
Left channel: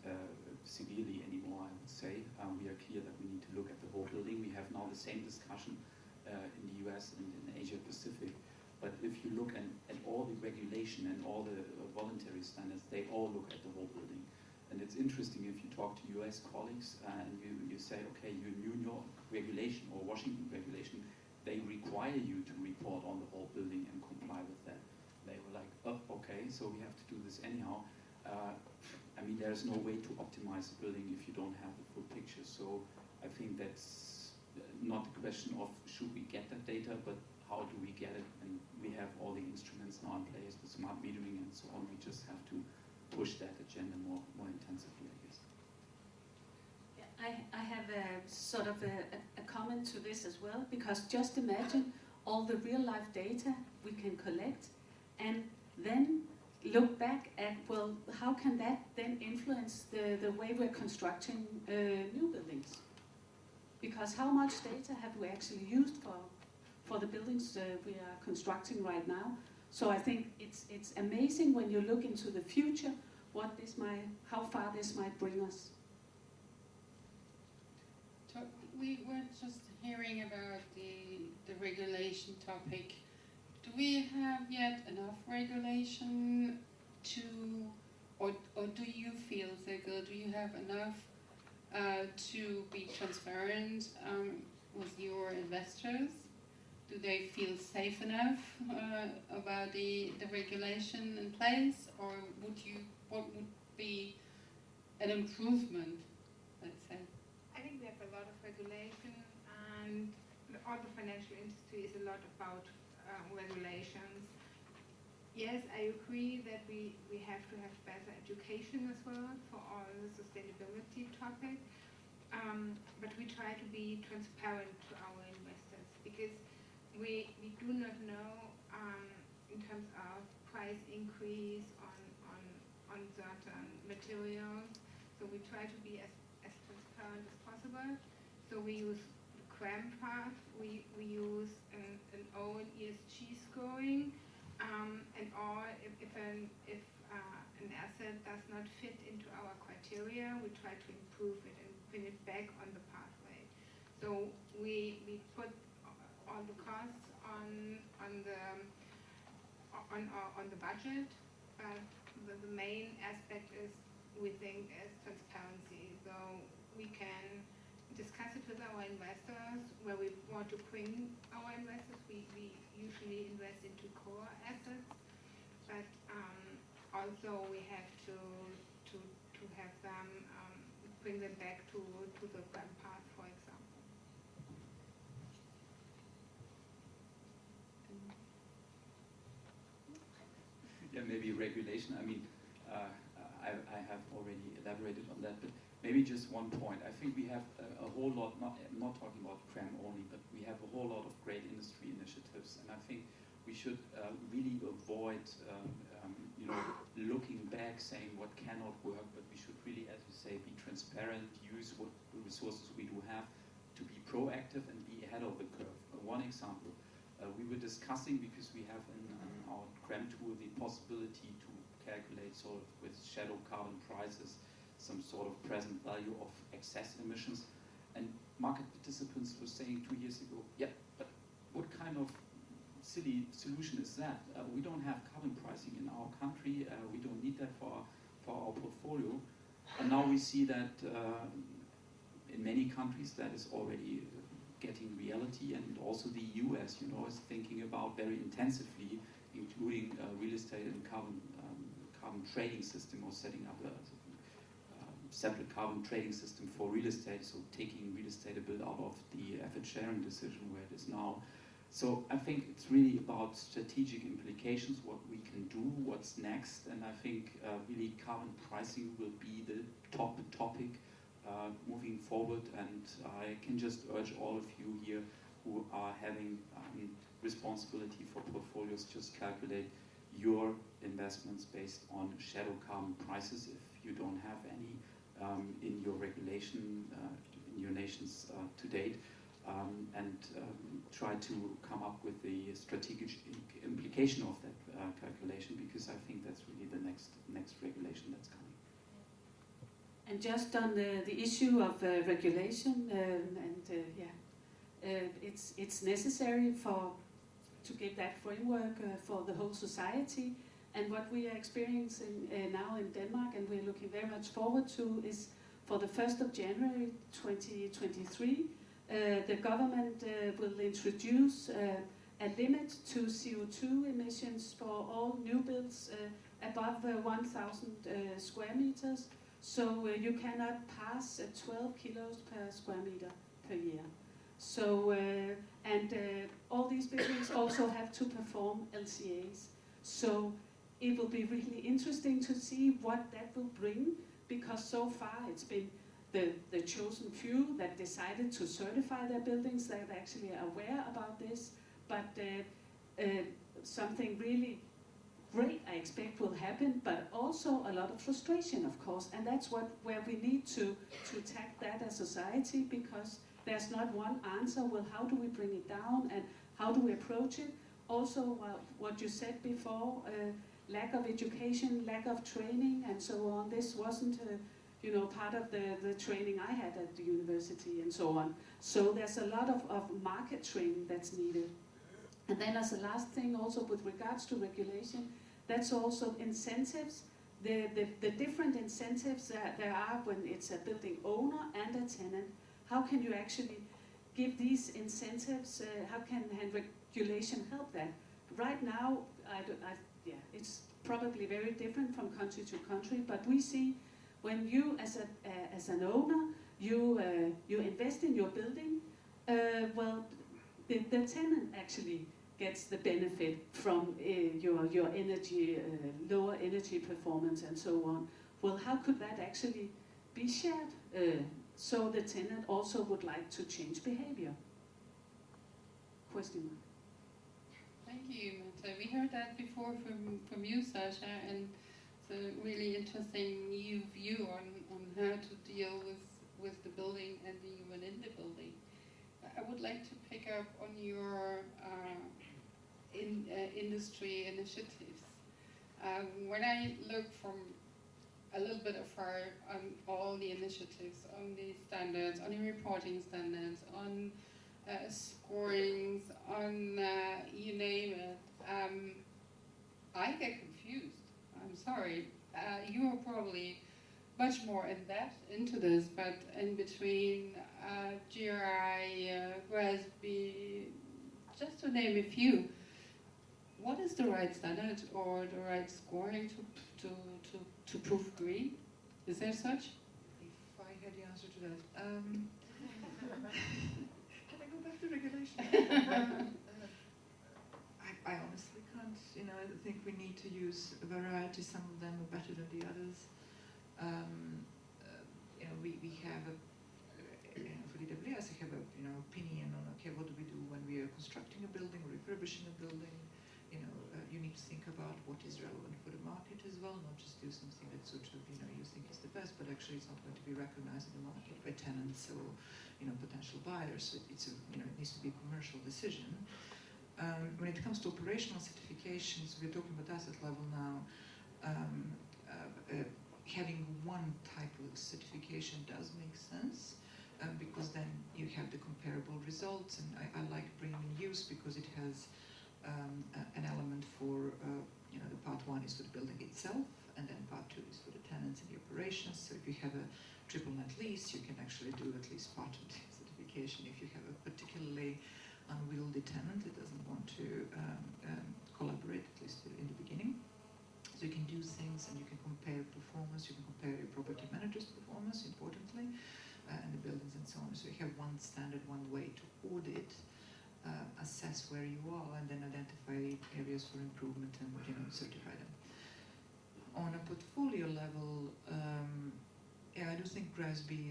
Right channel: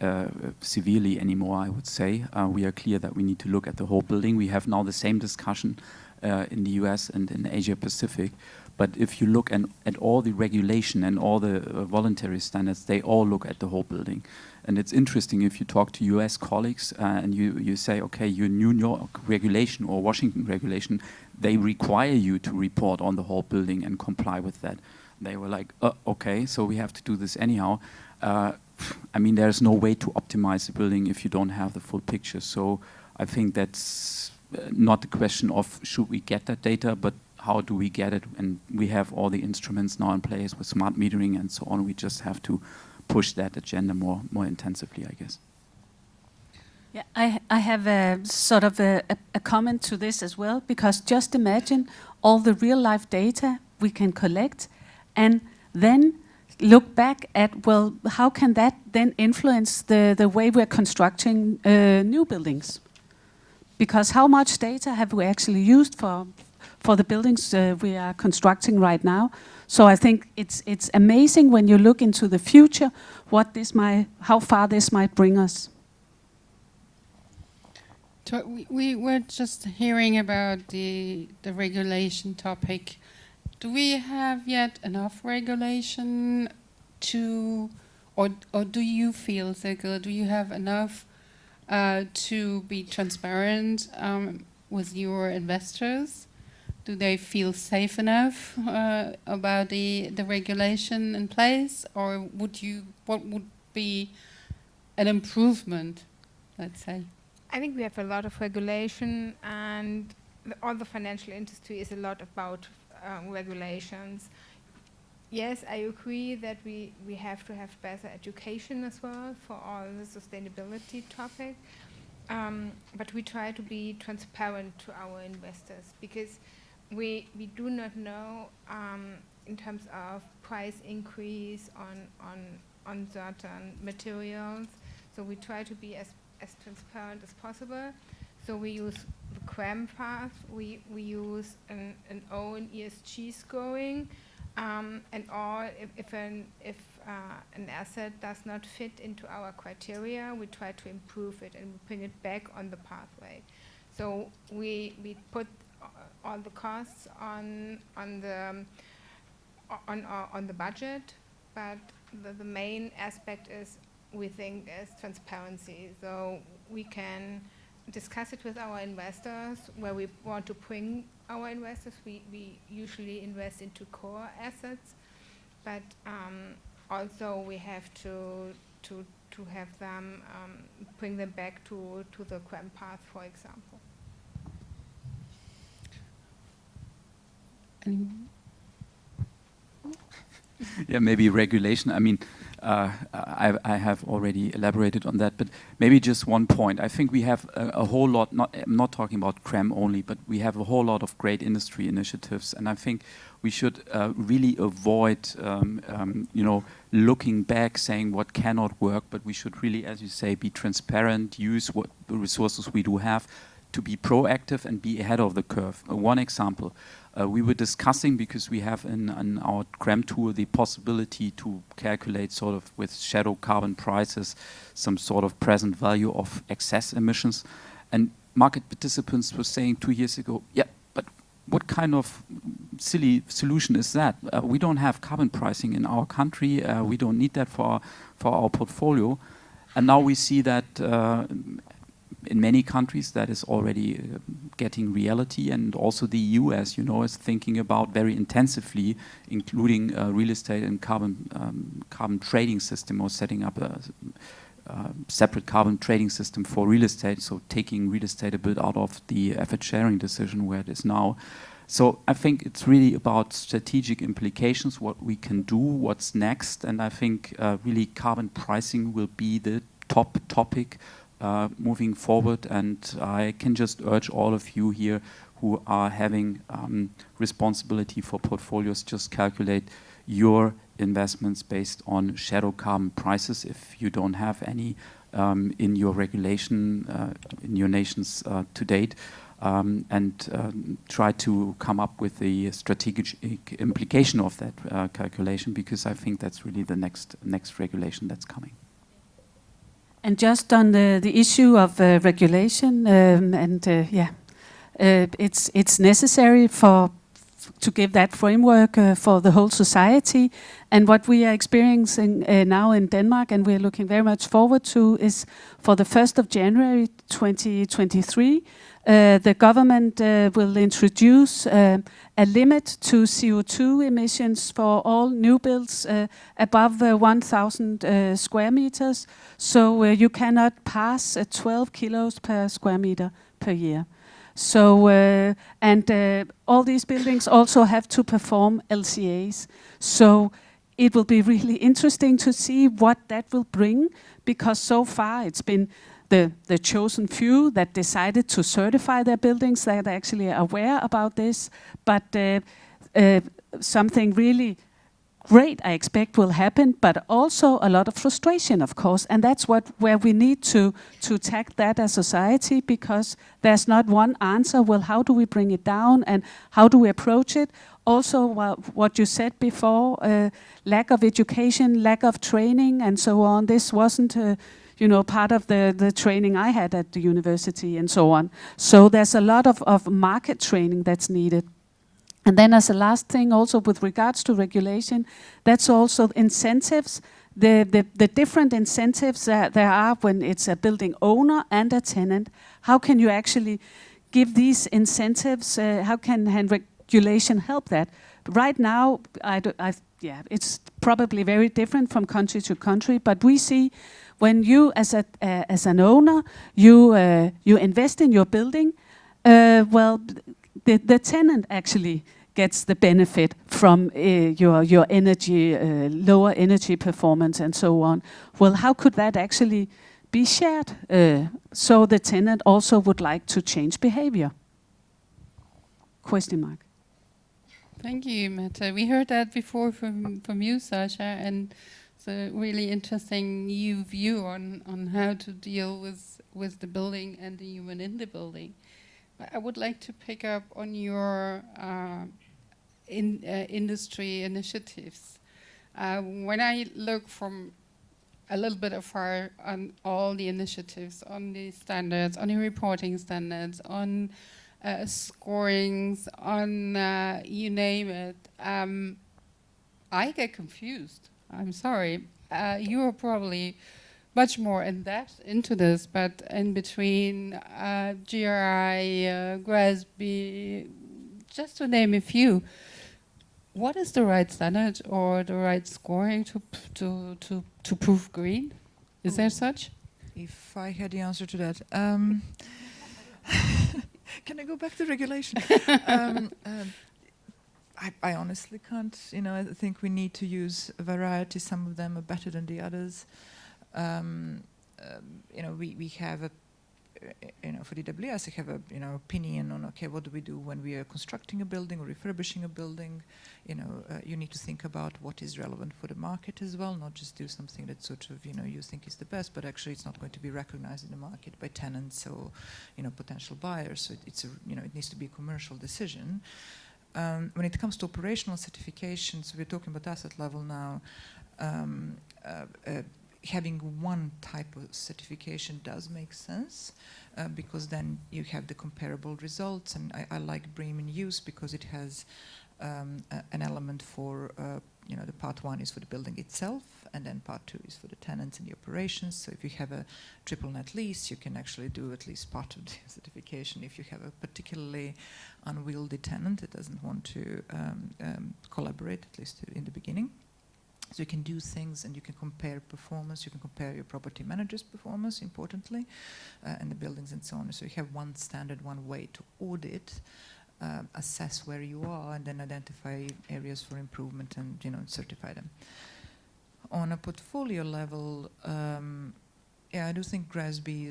severely anymore, I would say. We are clear that we need to look at the whole building. We have now the same discussion in the US and in Asia Pacific. But if you look at all the regulation and all the voluntary standards, they all look at the whole building. And it's interesting if you talk to US colleagues and you say, okay, your New York regulation or Washington regulation, they require you to report on the whole building and comply with that. They were like, okay, so we have to do this anyhow. I mean, there's no way to optimize the building if you don't have the full picture. So I think that's not the question of should we get that data, but how do we get it? And we have all the instruments now in place with smart metering and so on. We just have to push that agenda more intensively, I guess. Yeah, I have a sort of a comment to this as well, because just imagine all the real life data we can collect and then look back at, well, how can that then influence the way we're constructing new buildings? Because how much data have we actually used for the buildings we are constructing right now? So I think it's amazing when you look into the future, how far this might bring us. We were just hearing about the regulation topic. Do we have yet enough regulation or do you feel, Silke, do you have enough to be transparent with your investors? Do they feel safe enough about the regulation in place, or what would be an improvement, let's say? I think we have a lot of regulation, and all the financial industry is a lot about regulations. Yes, I agree that we have to have better education as well for all the sustainability topic, but we try to be transparent to our investors, because we do not know in terms of price increase on certain materials, so we try to be as transparent as possible. So we use the QM path, we use an own ESG scoring, and all if an asset does not fit into our criteria, we try to improve it and bring it back on the pathway. So we put all the costs on the budget, but the main aspect is, we think, is transparency. So we can discuss it with our investors where we want to bring our investors. We usually invest into core assets, but also we have to have them bring them back to the QM path, for example. Yeah, maybe regulation. I mean, I have already elaborated on that, but maybe just one point. I think we have a whole lot, I'm not talking about CREM only, but we have a whole lot of great industry initiatives, and I think we should really avoid, looking back, saying what cannot work, but we should really, as you say, be transparent, use what the resources we do have to be proactive and be ahead of the curve. One example. We were discussing, because we have in our CREM tool the possibility to calculate sort of with shadow carbon prices some sort of present value of excess emissions. And market participants were saying 2 years ago, yeah, but what kind of silly solution is that? We don't have carbon pricing in our country. We don't need that for our portfolio. And now we see that in many countries that is already getting reality, and also the EU, as you know, is thinking about very intensively, including real estate and carbon trading system, or setting up a separate carbon trading system for real estate, so taking real estate a bit out of the effort sharing decision where it is now. So I think it's really about strategic implications, what we can do, what's next, and I think really carbon pricing will be the top topic moving forward, and I can just urge all of you here who are having responsibility for portfolios, just calculate your investments based on shadow carbon prices if you don't have any in your regulation in your nations to date, and try to come up with the strategic implication of that calculation, because I think that's really the next regulation that's coming. And just on the issue of regulation, it's necessary to give that framework for the whole society. And what we are experiencing now in Denmark, and we're looking very much forward to, is for the 1st of January 2023, the government will introduce a limit to CO2 emissions for all new builds above 1,000 square meters. So you cannot pass 12 kilos per square meter per year. So all these buildings also have to perform LCAs. So it will be really interesting to see what that will bring, because so far it's been the chosen few that decided to certify their buildings that actually are aware about this. But something really great, I expect, will happen, but also a lot of frustration, of course, and that's where we need to tackle that as society, because there's not one answer. Well, how do we bring it down, and how do we approach it? Also, what you said before, lack of education, lack of training, and so on. This wasn't, part of the training I had at the university, and so on. So there's a lot of market training that's needed. And then as a last thing, also with regards to regulation, that's also incentives. The different incentives there are when it's a building owner and a tenant. How can you actually give these incentives? How can regulation help that? Right now, it's probably very different from country to country, but we see when you, as an owner, you invest in your building, the tenant actually gets the benefit from your energy, lower energy performance, and so on. Well, how could that actually be shared? So the tenant also would like to change behavior. Question mark. Thank you, Mette. We heard that before from you, Sasha, and it's a really interesting new view on how to deal with the building and the human in the building. I would like to pick up on your industry initiatives. When I look from a little bit afar on all the initiatives, on the standards, on the reporting standards, on scorings, on you name it, I get confused. I'm sorry. You are probably much more in depth into this, but in between GRI, GRASB, just to name a few, what is the right standard or the right scoring to prove green? Is there such? If I had the answer to that. Can I go back to regulation? I honestly can't. I think we need to use a variety. Some of them are better than the others. We have a, for DWS, we have a, opinion on, okay, what do we do when we are constructing a building or refurbishing a building? You need to think about what is relevant for the market as well, not just do something that sort of, you think is the best, but actually it's not going to be recognized in the market by tenants or, potential buyers. So it needs to be a commercial decision. When it comes to operational certifications, we're talking about asset level now. Having one type of certification does make sense, because then you have the comparable results. And I like BREEAM in use because it has an element for, the part one is for the building itself, and then part two is for the tenants and the operations. So if you have a triple net lease, you can actually do at least part of the certification. If you have a particularly unwieldy tenant that doesn't want to collaborate, at least in the beginning. So you can do things and you can compare performance, you can compare your property manager's performance, importantly, and the buildings and so on. So you have one standard, one way to audit, assess where you are, and then identify areas for improvement and certify them. On a portfolio level, I do think GRESB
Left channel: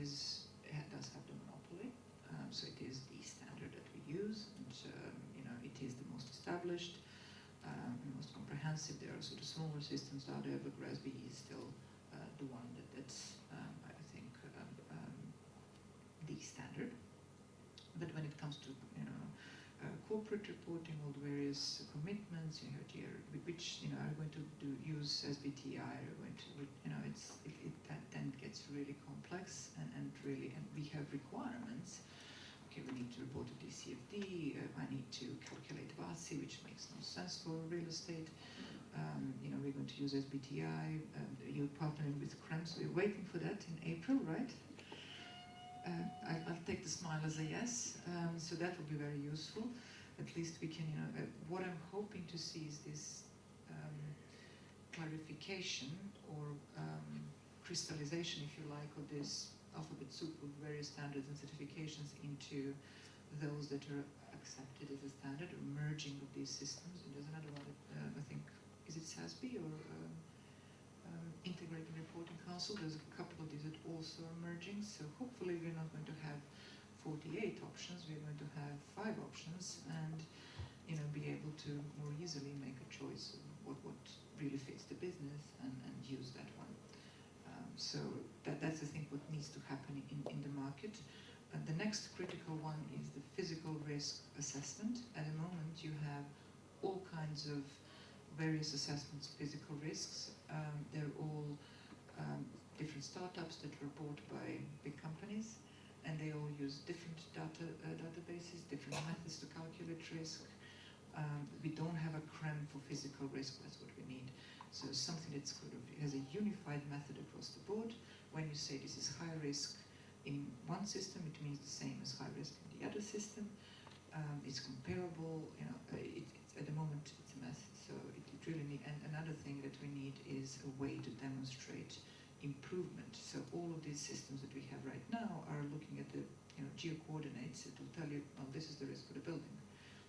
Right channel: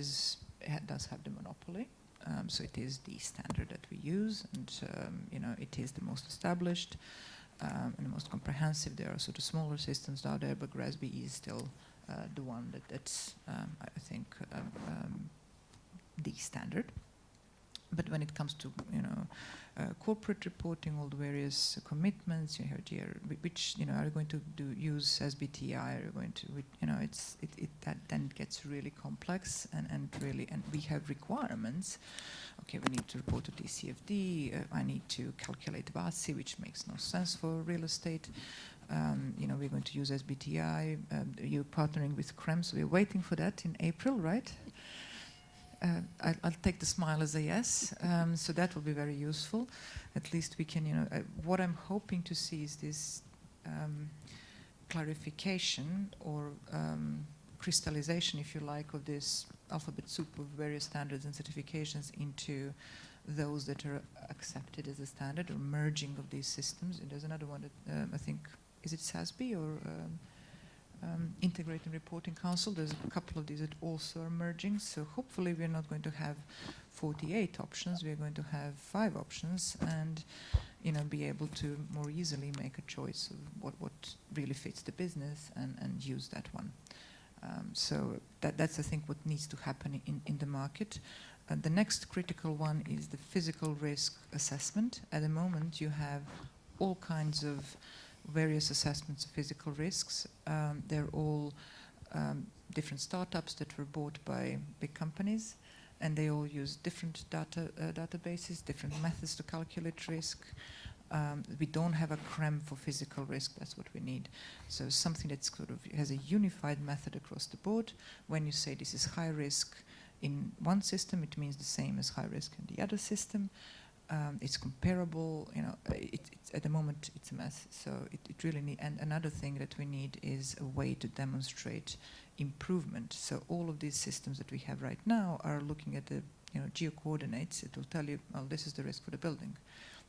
does have the monopoly. So it is the standard that we use, and it is the most established and the most comprehensive. There are sort of smaller systems out there, but GRESB is still the one that's I think the standard. But when it comes to corporate reporting, all the various commitments, you have which are going to use SBTI, are going to that then gets really complex and we have requirements. Okay, we need to report to DCFD. I need to calculate VASI, which makes no sense for real estate. We're going to use SBTI. You're partnering with CREM, so we're waiting for that in April, right? I'll take the smile as a yes. So that will be very useful. At least we can, what I'm hoping to see is this clarification or crystallization, if you like, of this alphabet soup of various standards and certifications into those that are accepted as a standard, or merging of these systems. And there's another one that I think, is it SASB or Integrated Reporting Council? There's a couple of these that also are merging. So hopefully we're not going to have 48 options. We're going to have 5 options, and be able to more easily make a choice of what really fits the business and use that one. So that's I think what needs to happen in the market. The next critical one is the physical risk assessment. At the moment you have all kinds of various assessments of physical risks. They're all different startups that were bought by big companies, and they all use different databases, different methods to calculate risk. We don't have a CREM for physical risk. That's what we need. So something that sort of has a unified method across the board. When you say this is high risk in one system, it means the same as high risk in the other system. It's comparable. It's at the moment it's a mess. So it really need. And another thing that we need is a way to demonstrate improvement. So all of these systems that we have right now are looking at the geo-coordinates. It will tell you, well, this is the risk for the building.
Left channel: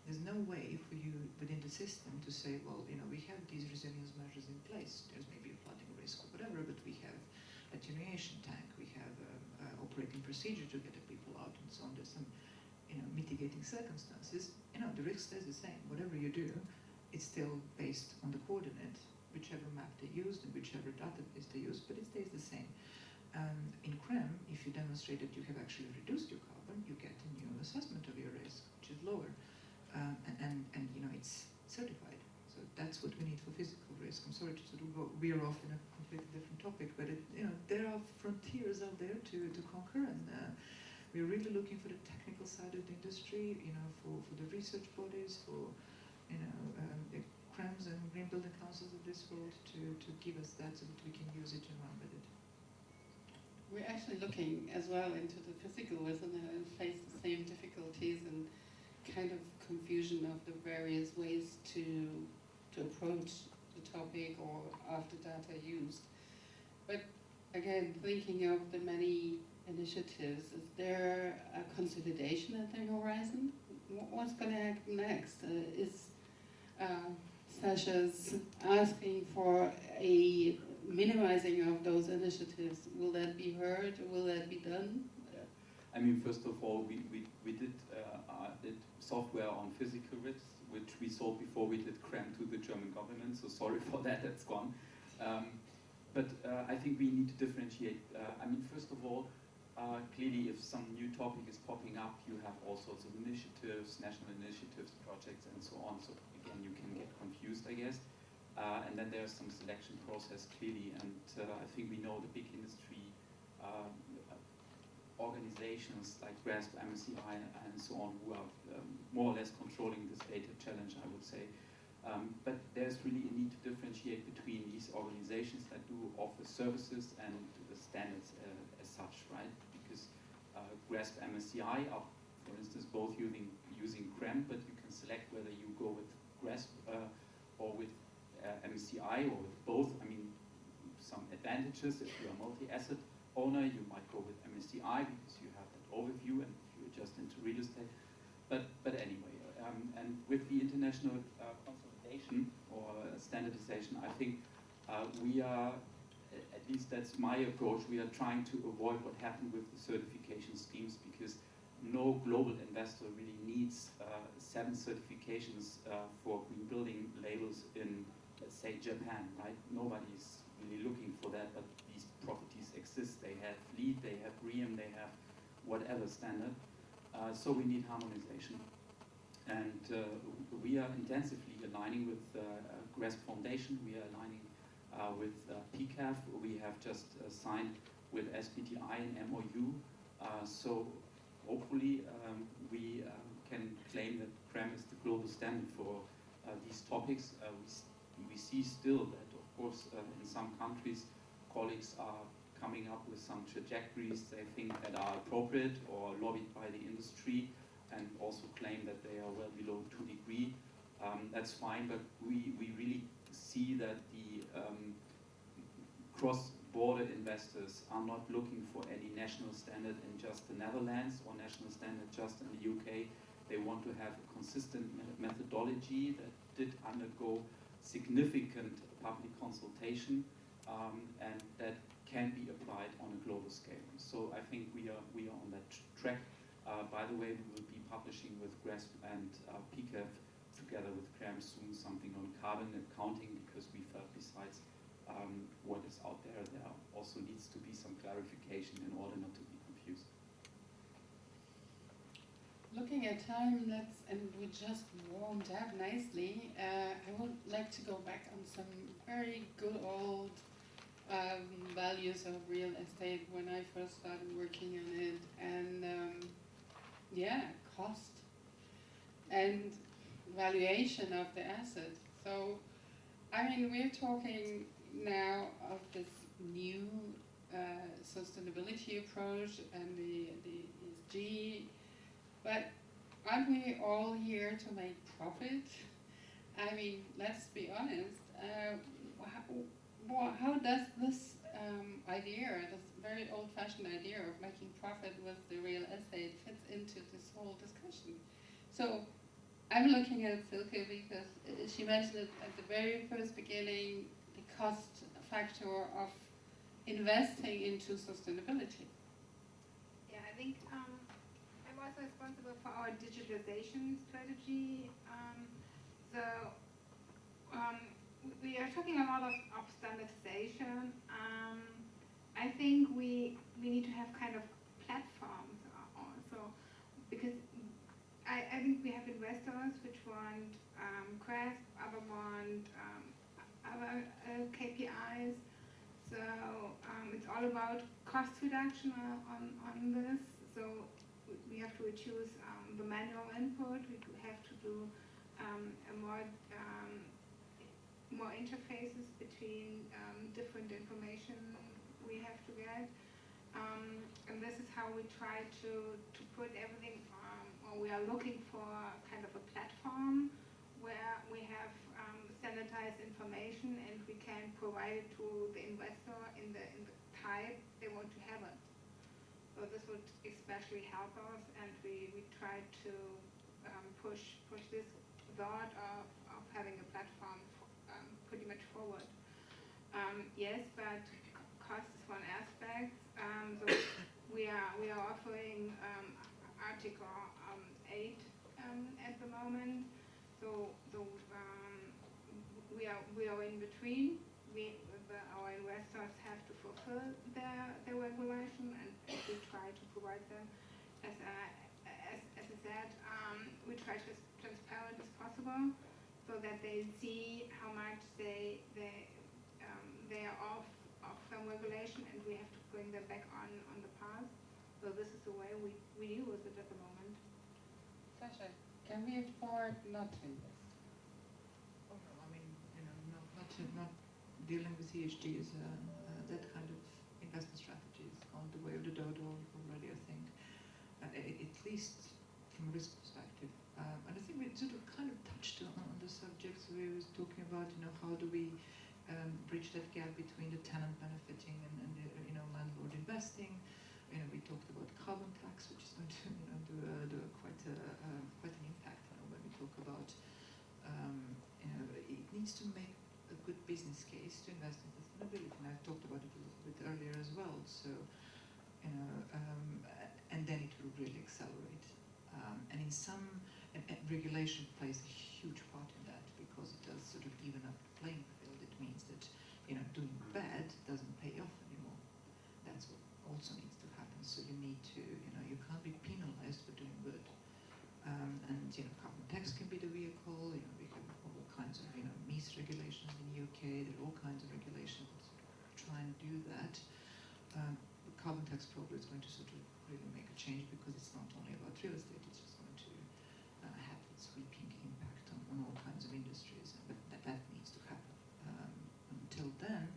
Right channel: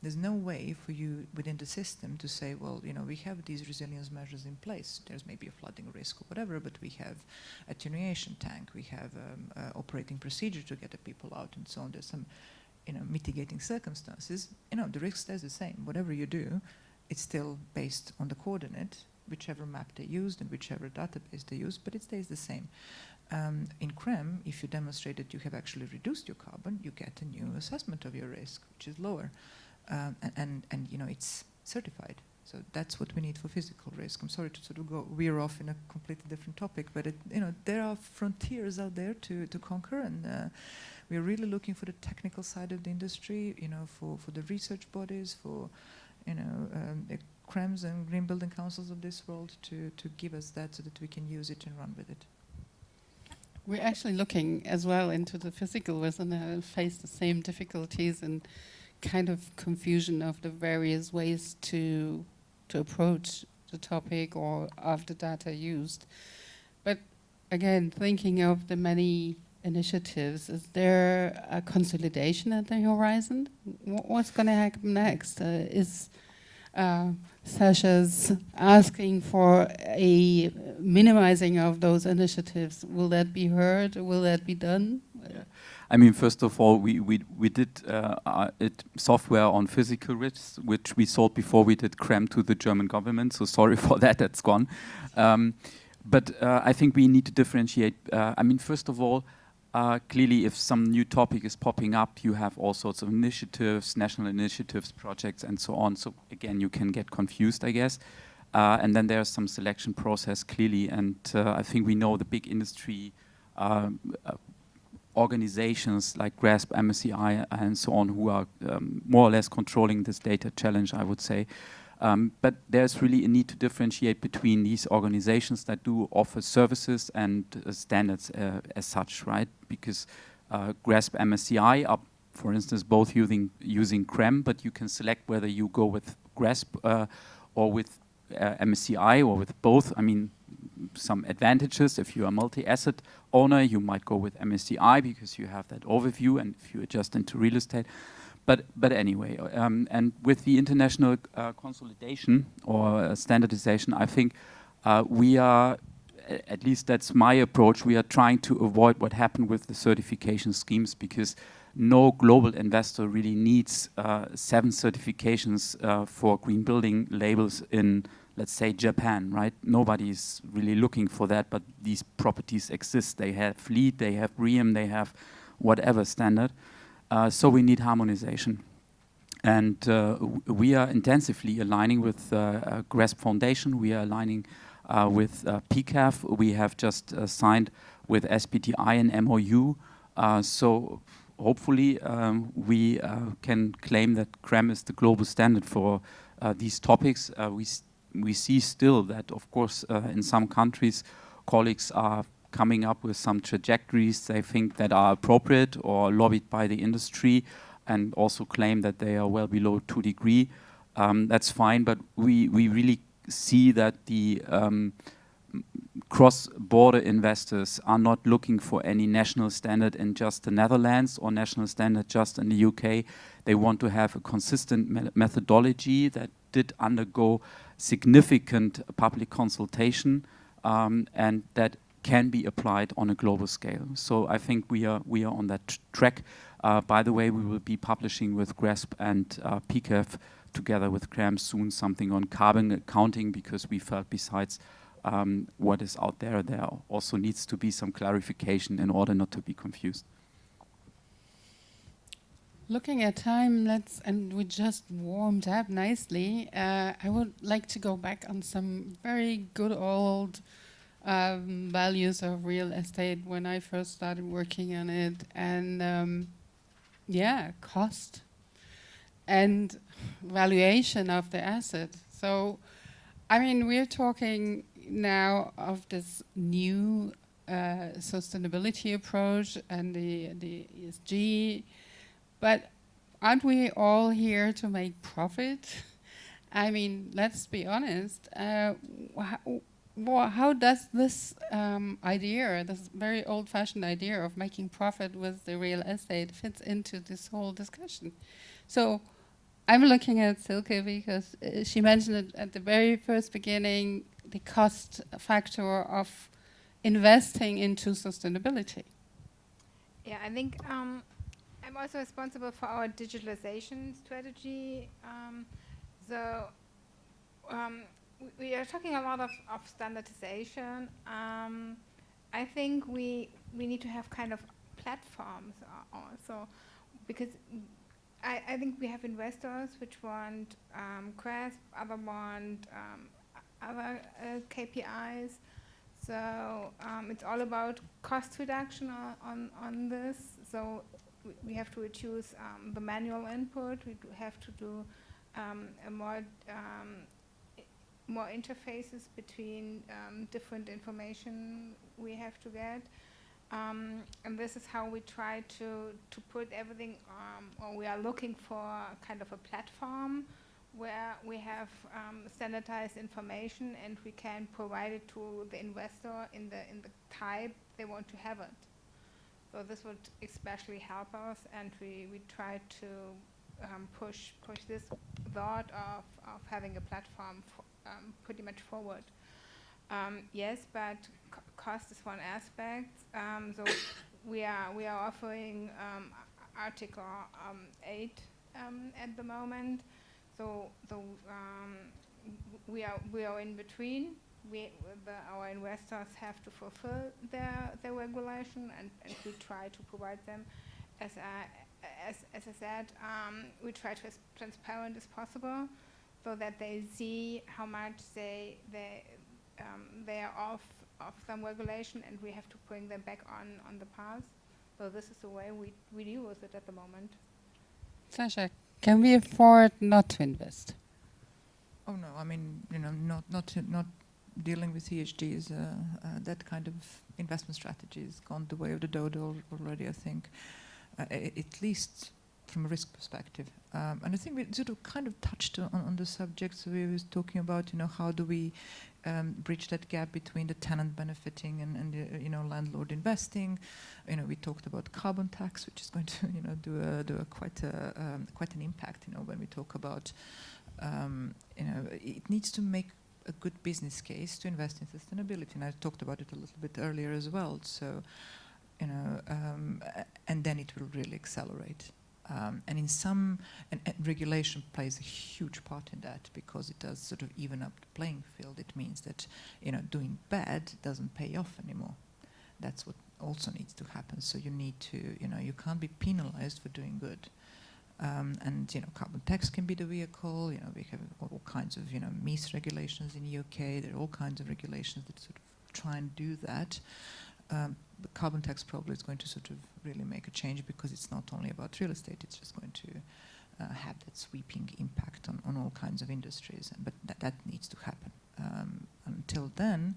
There's no way for you within the system to say, well, we have these resilience measures in place. There's maybe a flooding risk or whatever, but we have attenuation tank. We have operating procedure to get the people out and so on. There's some mitigating circumstances. The risk stays the same. Whatever you do, it's still based on the coordinate, whichever map they used and whichever database they used, but it stays the same. In CREM, if you demonstrate that you have actually reduced your carbon, you get a new assessment of your risk, which is lower. And it's certified. So that's what we need for physical risk. I'm sorry to sort of veer off in a completely different topic, but there are frontiers out there to conquer, and we are really looking for the technical side of the industry, for the research bodies, for CREMs and green building councils of this world to give us that so that we can use it and run with it. We're actually looking as well into the physical risk and face the same difficulties and kind of confusion of the various ways to approach the topic or of the data used. But again, thinking of the many initiatives, is there a consolidation at the horizon? What's going to happen next? sessions asking for a minimizing of those initiatives. Will that be heard? Will that be done? I mean, first of all, we did software on physical risks, which we sold before we did CREM to the German government. So sorry for that, that's gone. But I think we need to differentiate. I mean, first of all, clearly, if some new topic is popping up, you have all sorts of initiatives, national initiatives, projects, and so on. So again, you can get confused, I guess. And then there's some selection process, clearly. And I think we know the big industry organizations like GRASP, MSCI, and so on, who are more or less controlling this data challenge, I would say. But there's really a need to differentiate between these organizations that do offer services and standards as such, right? Because GRASP, MSCI are, for instance, both using CREM, but you can select whether you go with GRASP or with MSCI or with both. I mean, some advantages. If you are a multi-asset owner, you might go with MSCI because you have that overview, and if you adjust into real estate. But anyway, and with the international consolidation or standardization, I think we are, at least that's my approach, we are trying to avoid what happened with the certification schemes, because no global investor really needs 7 certifications for green building labels in, let's say, Japan, right? Nobody's really looking for that, but these properties exist. They have LEED, they have BREEAM, they have whatever standard. So we need harmonization. And we are intensively aligning with GRASP Foundation. We are aligning with PCAF. We have just signed with SBTI an MOU. So hopefully we can claim that CREM is the global standard for these topics. We see still that, of course, in some countries, colleagues are coming up with some trajectories they think that are appropriate or lobbied by the industry, and also claim that they are well below 2 degrees. That's fine, but we really see that the cross-border investors are not looking for any national standard in just the Netherlands or national standard just in the UK. They want to have a consistent methodology that did undergo significant public consultation, and that can be applied on a global scale. So I think we are on that track. By the way, we will be publishing with GRASP and PCAF together with CREM soon something on carbon accounting, because we felt besides what is out there, there also needs to be some clarification in order not to be confused. Looking at time, and we just warmed up nicely. I would like to go back on some very good old values of real estate when I first started working on it, and cost and valuation of the asset. So, I mean, we're talking now of this new sustainability approach and the ESG, but aren't we all here to make profit? I mean, let's be honest. How does this idea, this very old-fashioned idea of making profit with the real estate, fits into this whole discussion? So I'm looking at Silke because she mentioned it at the very first beginning, the cost factor of investing into sustainability. Yeah, I think I'm also responsible for our digitalization strategy. We are talking a lot of standardization. I think we need to have kind of platforms also, because I think we have investors which want GRASP, other want other KPIs. So it's all about cost reduction on this. So we have to reduce the manual input. We have to do more interfaces between different information we have to get. And this is how we try to put everything, or we are looking for kind of a platform where we have standardized information and we can provide it to the investor in the type they want to have it. So this would especially help us, and we try to push this thought of having a platform pretty much forward. Yes, but cost is one aspect. So we are offering Article 8 at the moment. So we are in between. Our investors have to fulfill their regulation, and we try to provide them, as I said, we try to be as transparent as possible, so that they see how much they are off some regulation, and we have to bring them back on the path. So this is the way we deal with it at the moment. Sasha, can we afford not to invest? Oh no, I mean, not dealing with ESG is that kind of investment strategy has gone the way of the dodo already, I think, at least from a risk perspective. And I think we sort of kind of touched on the subject. So we was talking about, how do we bridge that gap between the tenant benefiting and the, landlord investing. We talked about carbon tax, which is going to, do quite an impact, when we talk about, it needs to make a good business case to invest in sustainability, and I talked about it a little bit earlier as well. So, and then it will really accelerate. And in some, and regulation plays a huge part in that, because it does sort of even up the playing field. It means that doing bad doesn't pay off anymore. That's what also needs to happen. So you need to, you can't be penalized for doing good. And carbon tax can be the vehicle. We have all kinds of MIPIM regulations in the UK. There are all kinds of regulations that sort of try and do that. The carbon tax probably is going to sort of really make a change, because it's not only about real estate. It's just going to have that sweeping impact on all kinds of industries. But that needs to happen. Until then,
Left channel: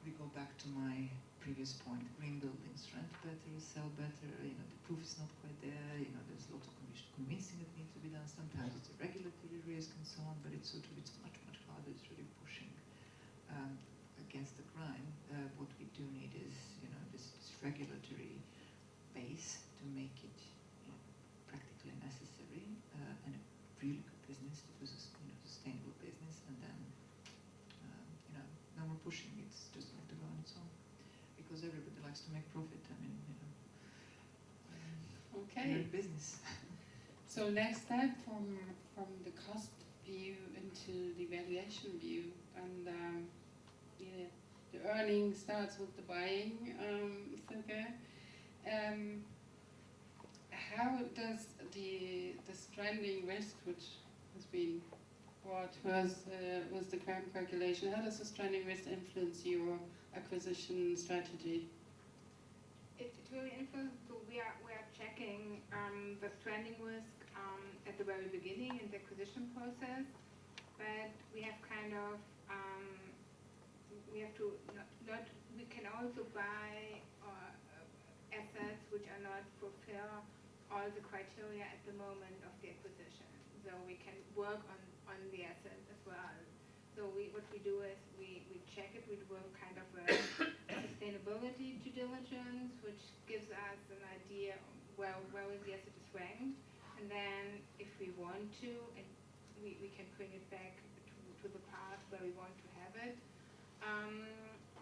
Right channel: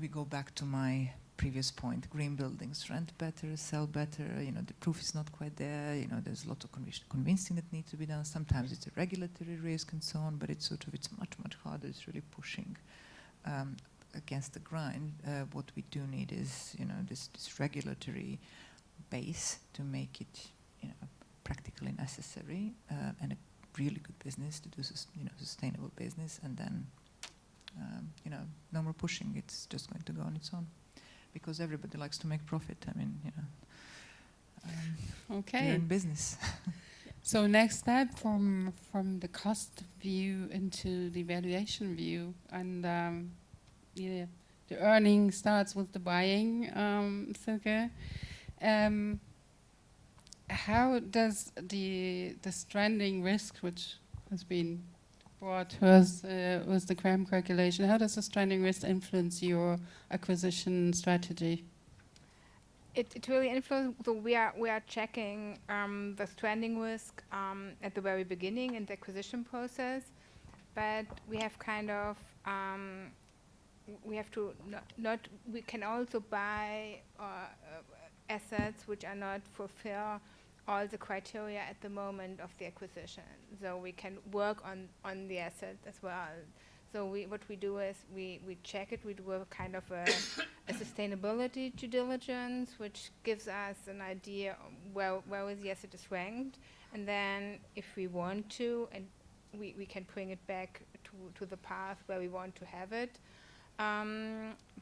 we go back to my previous point: green buildings rent better, sell better. The proof is not quite there. There's a lot of convincing that needs to be done. Sometimes it's a regulatory risk and so on, but it's much harder. It's really pushing against the grind. What we do need is this regulatory base to make it practically necessary, and a really good business to do sustainable business, and then no more pushing. It's just going to go on its own, because everybody likes to make profit. I mean, okay. You're in business. So next step from the cost view into the valuation view, and the earning starts with the buying. Silke, how does the stranding risk, which has been brought was the CRAM calculation, how does the stranding risk influence your acquisition strategy? It really influences. So we are checking the stranding risk at the very beginning in the acquisition process, but we have kind of we have to not we can also buy assets which are not fulfill all the criteria at the moment of the acquisition. So we can work on the asset as well. So what we do is we check it. We do a kind of a sustainability due diligence, which gives us an idea where the asset is ranked, and then if we want to, and we can bring it back to the path where we want to have it.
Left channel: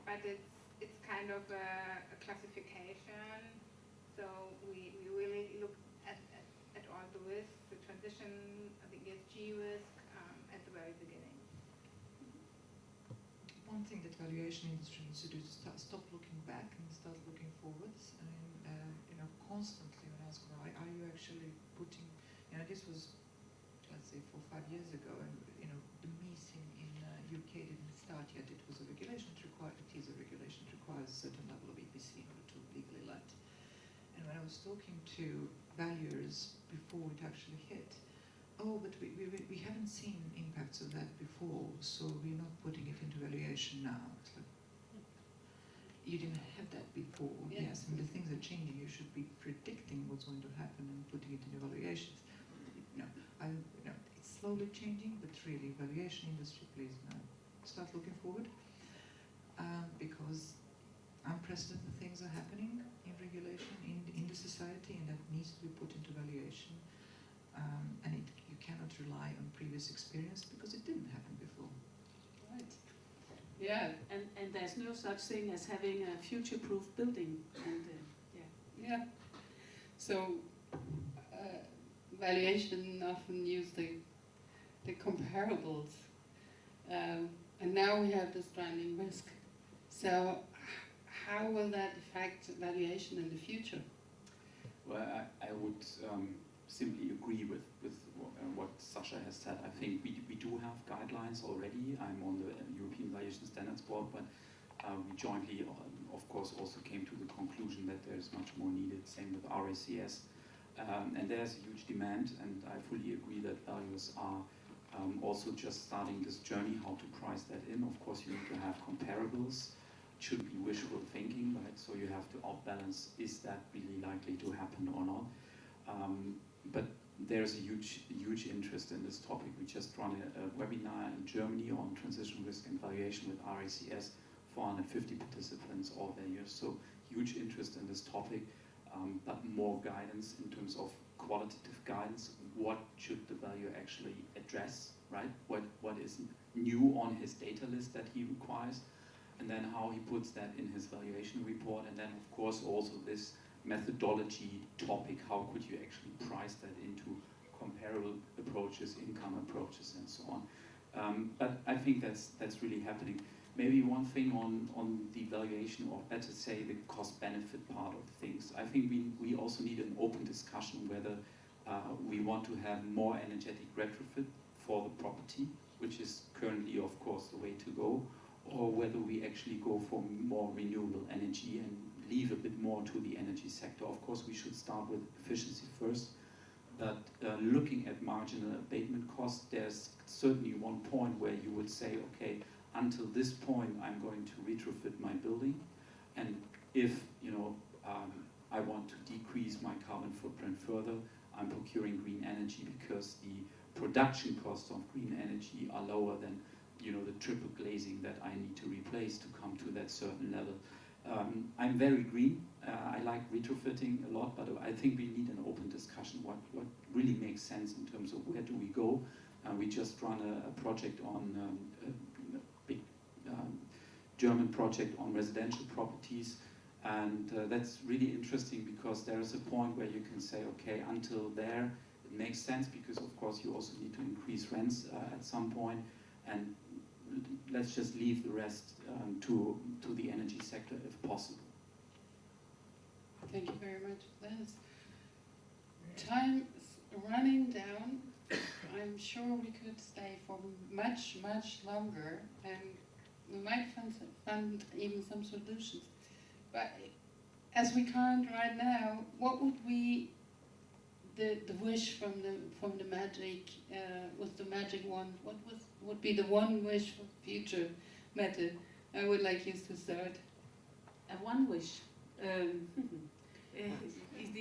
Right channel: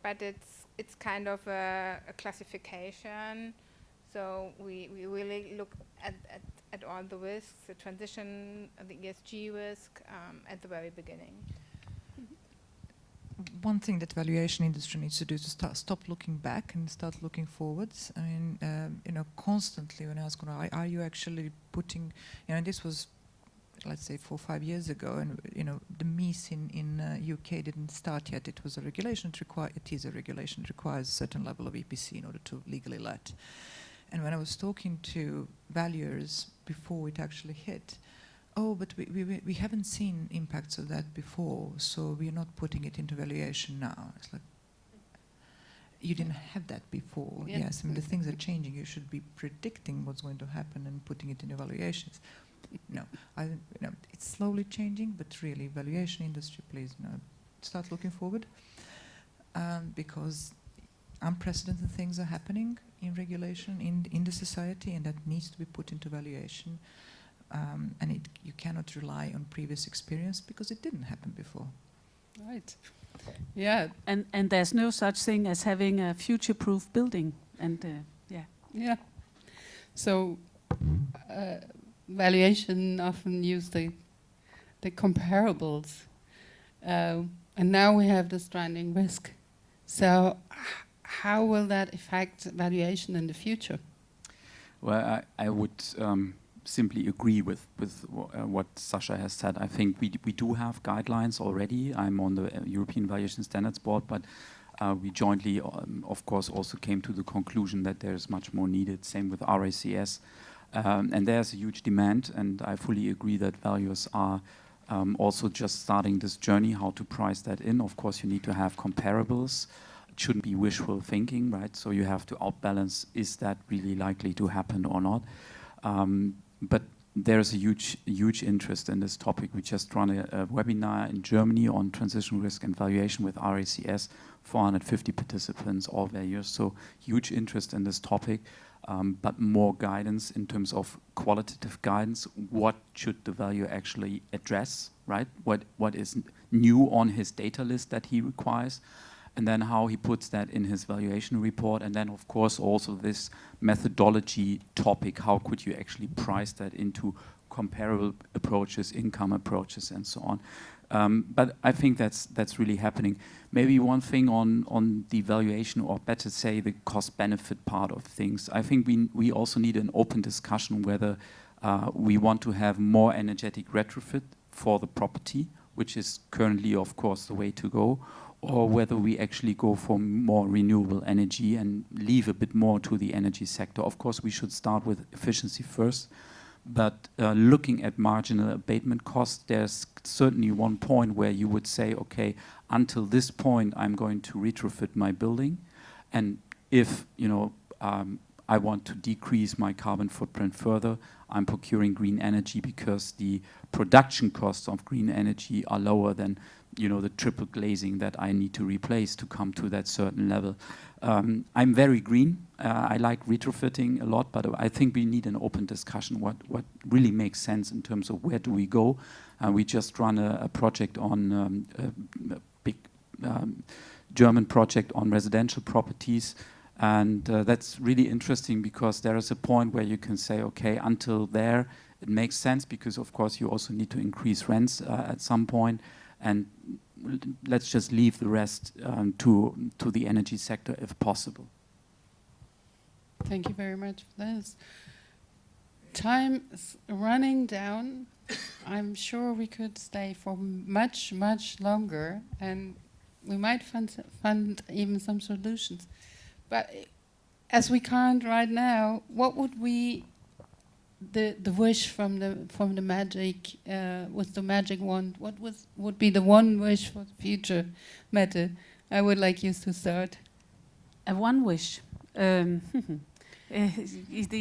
But it's kind of a classification. So we really look at all the risks, the transition, the ESG risk at the very beginning. One thing that valuation industry needs to do is to stop looking back and start looking forwards. I mean, constantly when I ask, are you actually putting, this was, let's say, 4 or 5 years ago, and the MIPIM in UK didn't start yet. It was a regulation. It is a regulation. It requires a certain level of EPC in order to legally let. And when I was talking to valuers before it actually hit, but we haven't seen impacts of that before, so we're not putting it into valuation now. It's like, you didn't have that before. Yeah. Yes, I mean, the things are changing. You should be predicting what's going to happen and putting it in evaluations. It's slowly changing, but really, valuation industry, please, start looking forward, because unprecedented things are happening in regulation in the society, and that needs to be put into valuation. and you cannot rely on previous experience because it didn't happen before. Right. Yeah. And there's no such thing as having a future-proof building. And Yeah. So, valuation often use the comparables, and now we have the stranding risk. So, how will that affect valuation in the future? Well, I would simply agree with what Sasha has said. I think we do have guidelines already. I'm on the European Valuation Standards Board, but we jointly, of course, also came to the conclusion that there's much more needed. Same with RICS. And there's a huge demand, and I fully agree that valuers are also just starting this journey, how to price that in. Of course, you need to have comparables. It shouldn't be wishful thinking, right? So you have to outbalance, is that really likely to happen or not? But there's a huge interest in this topic. We just run a webinar in Germany on transition risk and valuation with RICS, 450 participants, all valuers. So huge interest in this topic, but more guidance in terms of qualitative guidance. What should the valuer actually address, right? What is new on his data list that he requires? And then how he puts that in his valuation report. And then, of course, also this methodology topic. How could you actually price that into comparable approaches, income approaches, and so on? But I think that's really happening. Maybe one thing on the valuation, or better say the cost-benefit part of things. I think we also need an open discussion whether we want to have more energetic retrofit for the property, which is currently, of course, the way to go, or whether we actually go for more renewable energy and leave a bit more to the energy sector. Of course, we should start with efficiency first, but looking at marginal abatement costs, there's certainly one point where you would say, okay, until this point, I'm going to retrofit my building, and if I want to decrease my carbon footprint further, I'm procuring green energy because the production costs of green energy are lower than the triple glazing that I need to replace to come to that certain level. I'm very green. I like retrofitting a lot, but I think we need an open discussion what really makes sense in terms of where do we go. We just run a project on a big German project on residential properties, and that's really interesting because there is a point where you can say, okay, until there it makes sense, because of course you also need to increase rents at some point, and let's just leave the rest to the energy sector if possible. Thank you very much for this. Time is running down. I'm sure we could stay for much, much longer, and we might find even some solutions. But as we can't right now, what would the wish from the magic with the magic wand? What would be the one wish for the future, Mette? I would like you to start. A one wish. The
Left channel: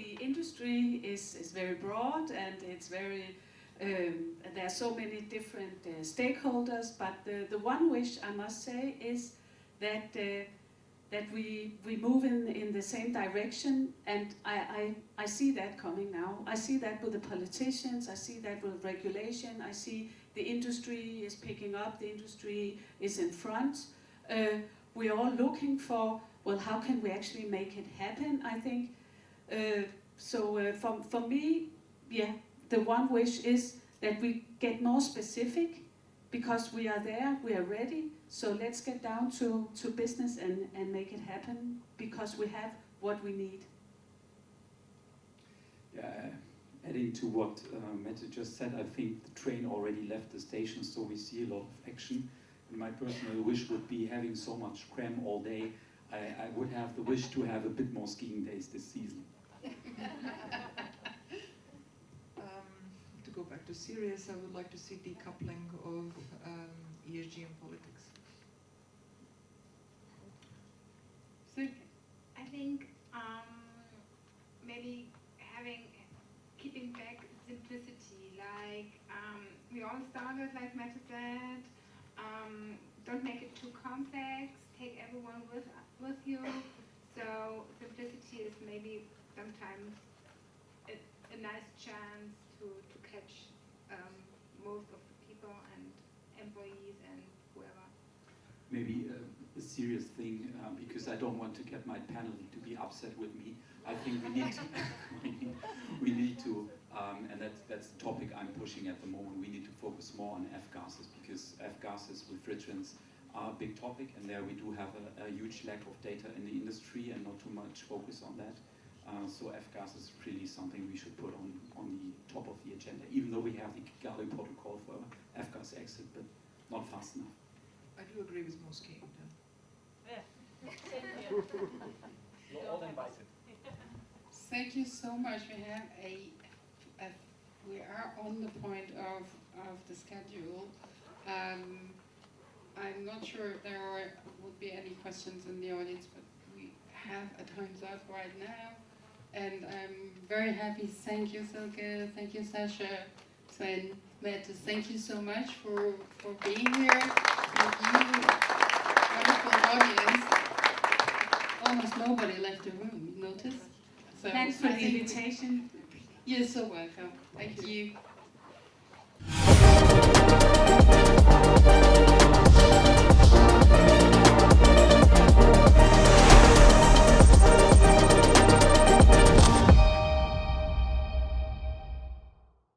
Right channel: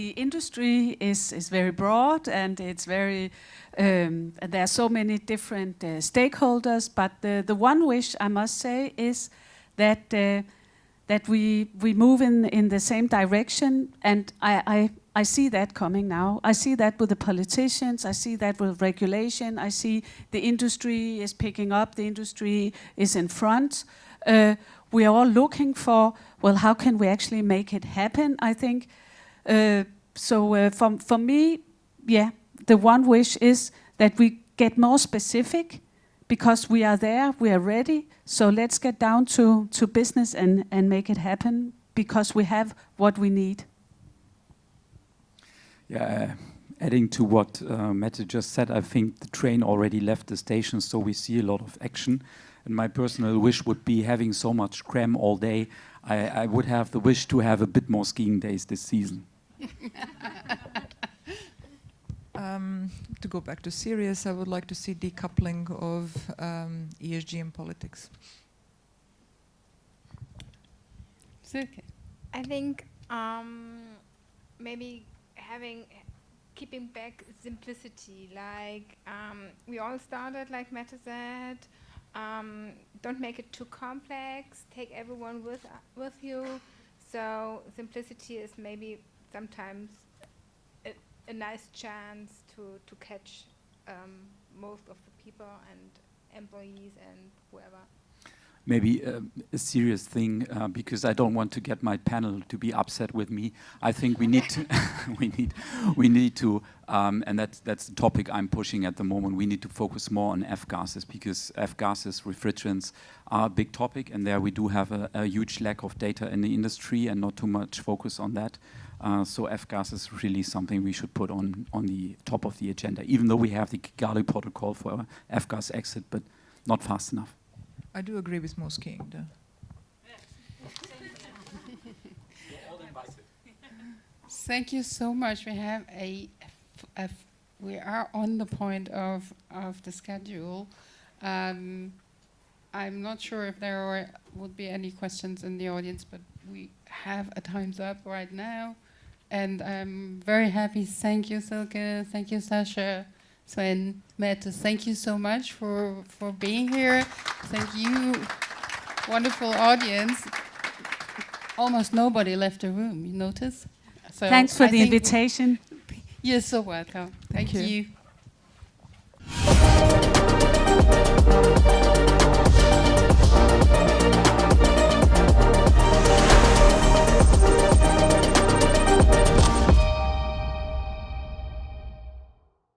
industry is very broad, and it's very there are so many different stakeholders. But the one wish I must say is that we move in the same direction, and I see that coming now. I see that with the politicians. I see that with regulation. I see the industry is picking up. The industry is in front. We are all looking for, well, how can we actually make it happen? I think for me, yeah, the one wish is that we get more specific, because we are there, we are ready. So let's get down to business and make it happen, because we have what we need. Yeah, adding to what Mette just said, I think the train already left the station, so we see a lot of action. And my personal wish would be, having so much cram all day, I would have the wish to have a bit more skiing days this season. To go back to serious, I would like to see decoupling of ESG and politics. Silke. I think maybe keeping back simplicity. Like we all started, like Mette said. Don't make it too complex. Take everyone with you. So simplicity is maybe sometimes a nice chance to catch most of the people and employees and whoever. Maybe a serious thing, because I don't want to get my panel to be upset with me. I think we need to, we need to, and that's the topic I'm pushing at the moment. We need to focus more on F-gases, because F-gases, refrigerants, are a big topic, and there we do have a huge lack of data in the industry and not too much focus on that. So F-gas is really something we should put on the top of the agenda, even though we have the Kigali protocol for F-gas exit, but not fast enough. I do agree with most king, though. Thank you so much. We have we are on the point of the schedule. I'm not sure if there would be any questions in the audience, but we have a time's up right now. And I'm very happy. Thank you, Silke. Thank you, Sasha, Sven, Mette. Thank you so much for being here. Thank you, wonderful audience. Almost nobody left the room, you notice? So Thanks for I the think invitation. You're so welcome. Thank you.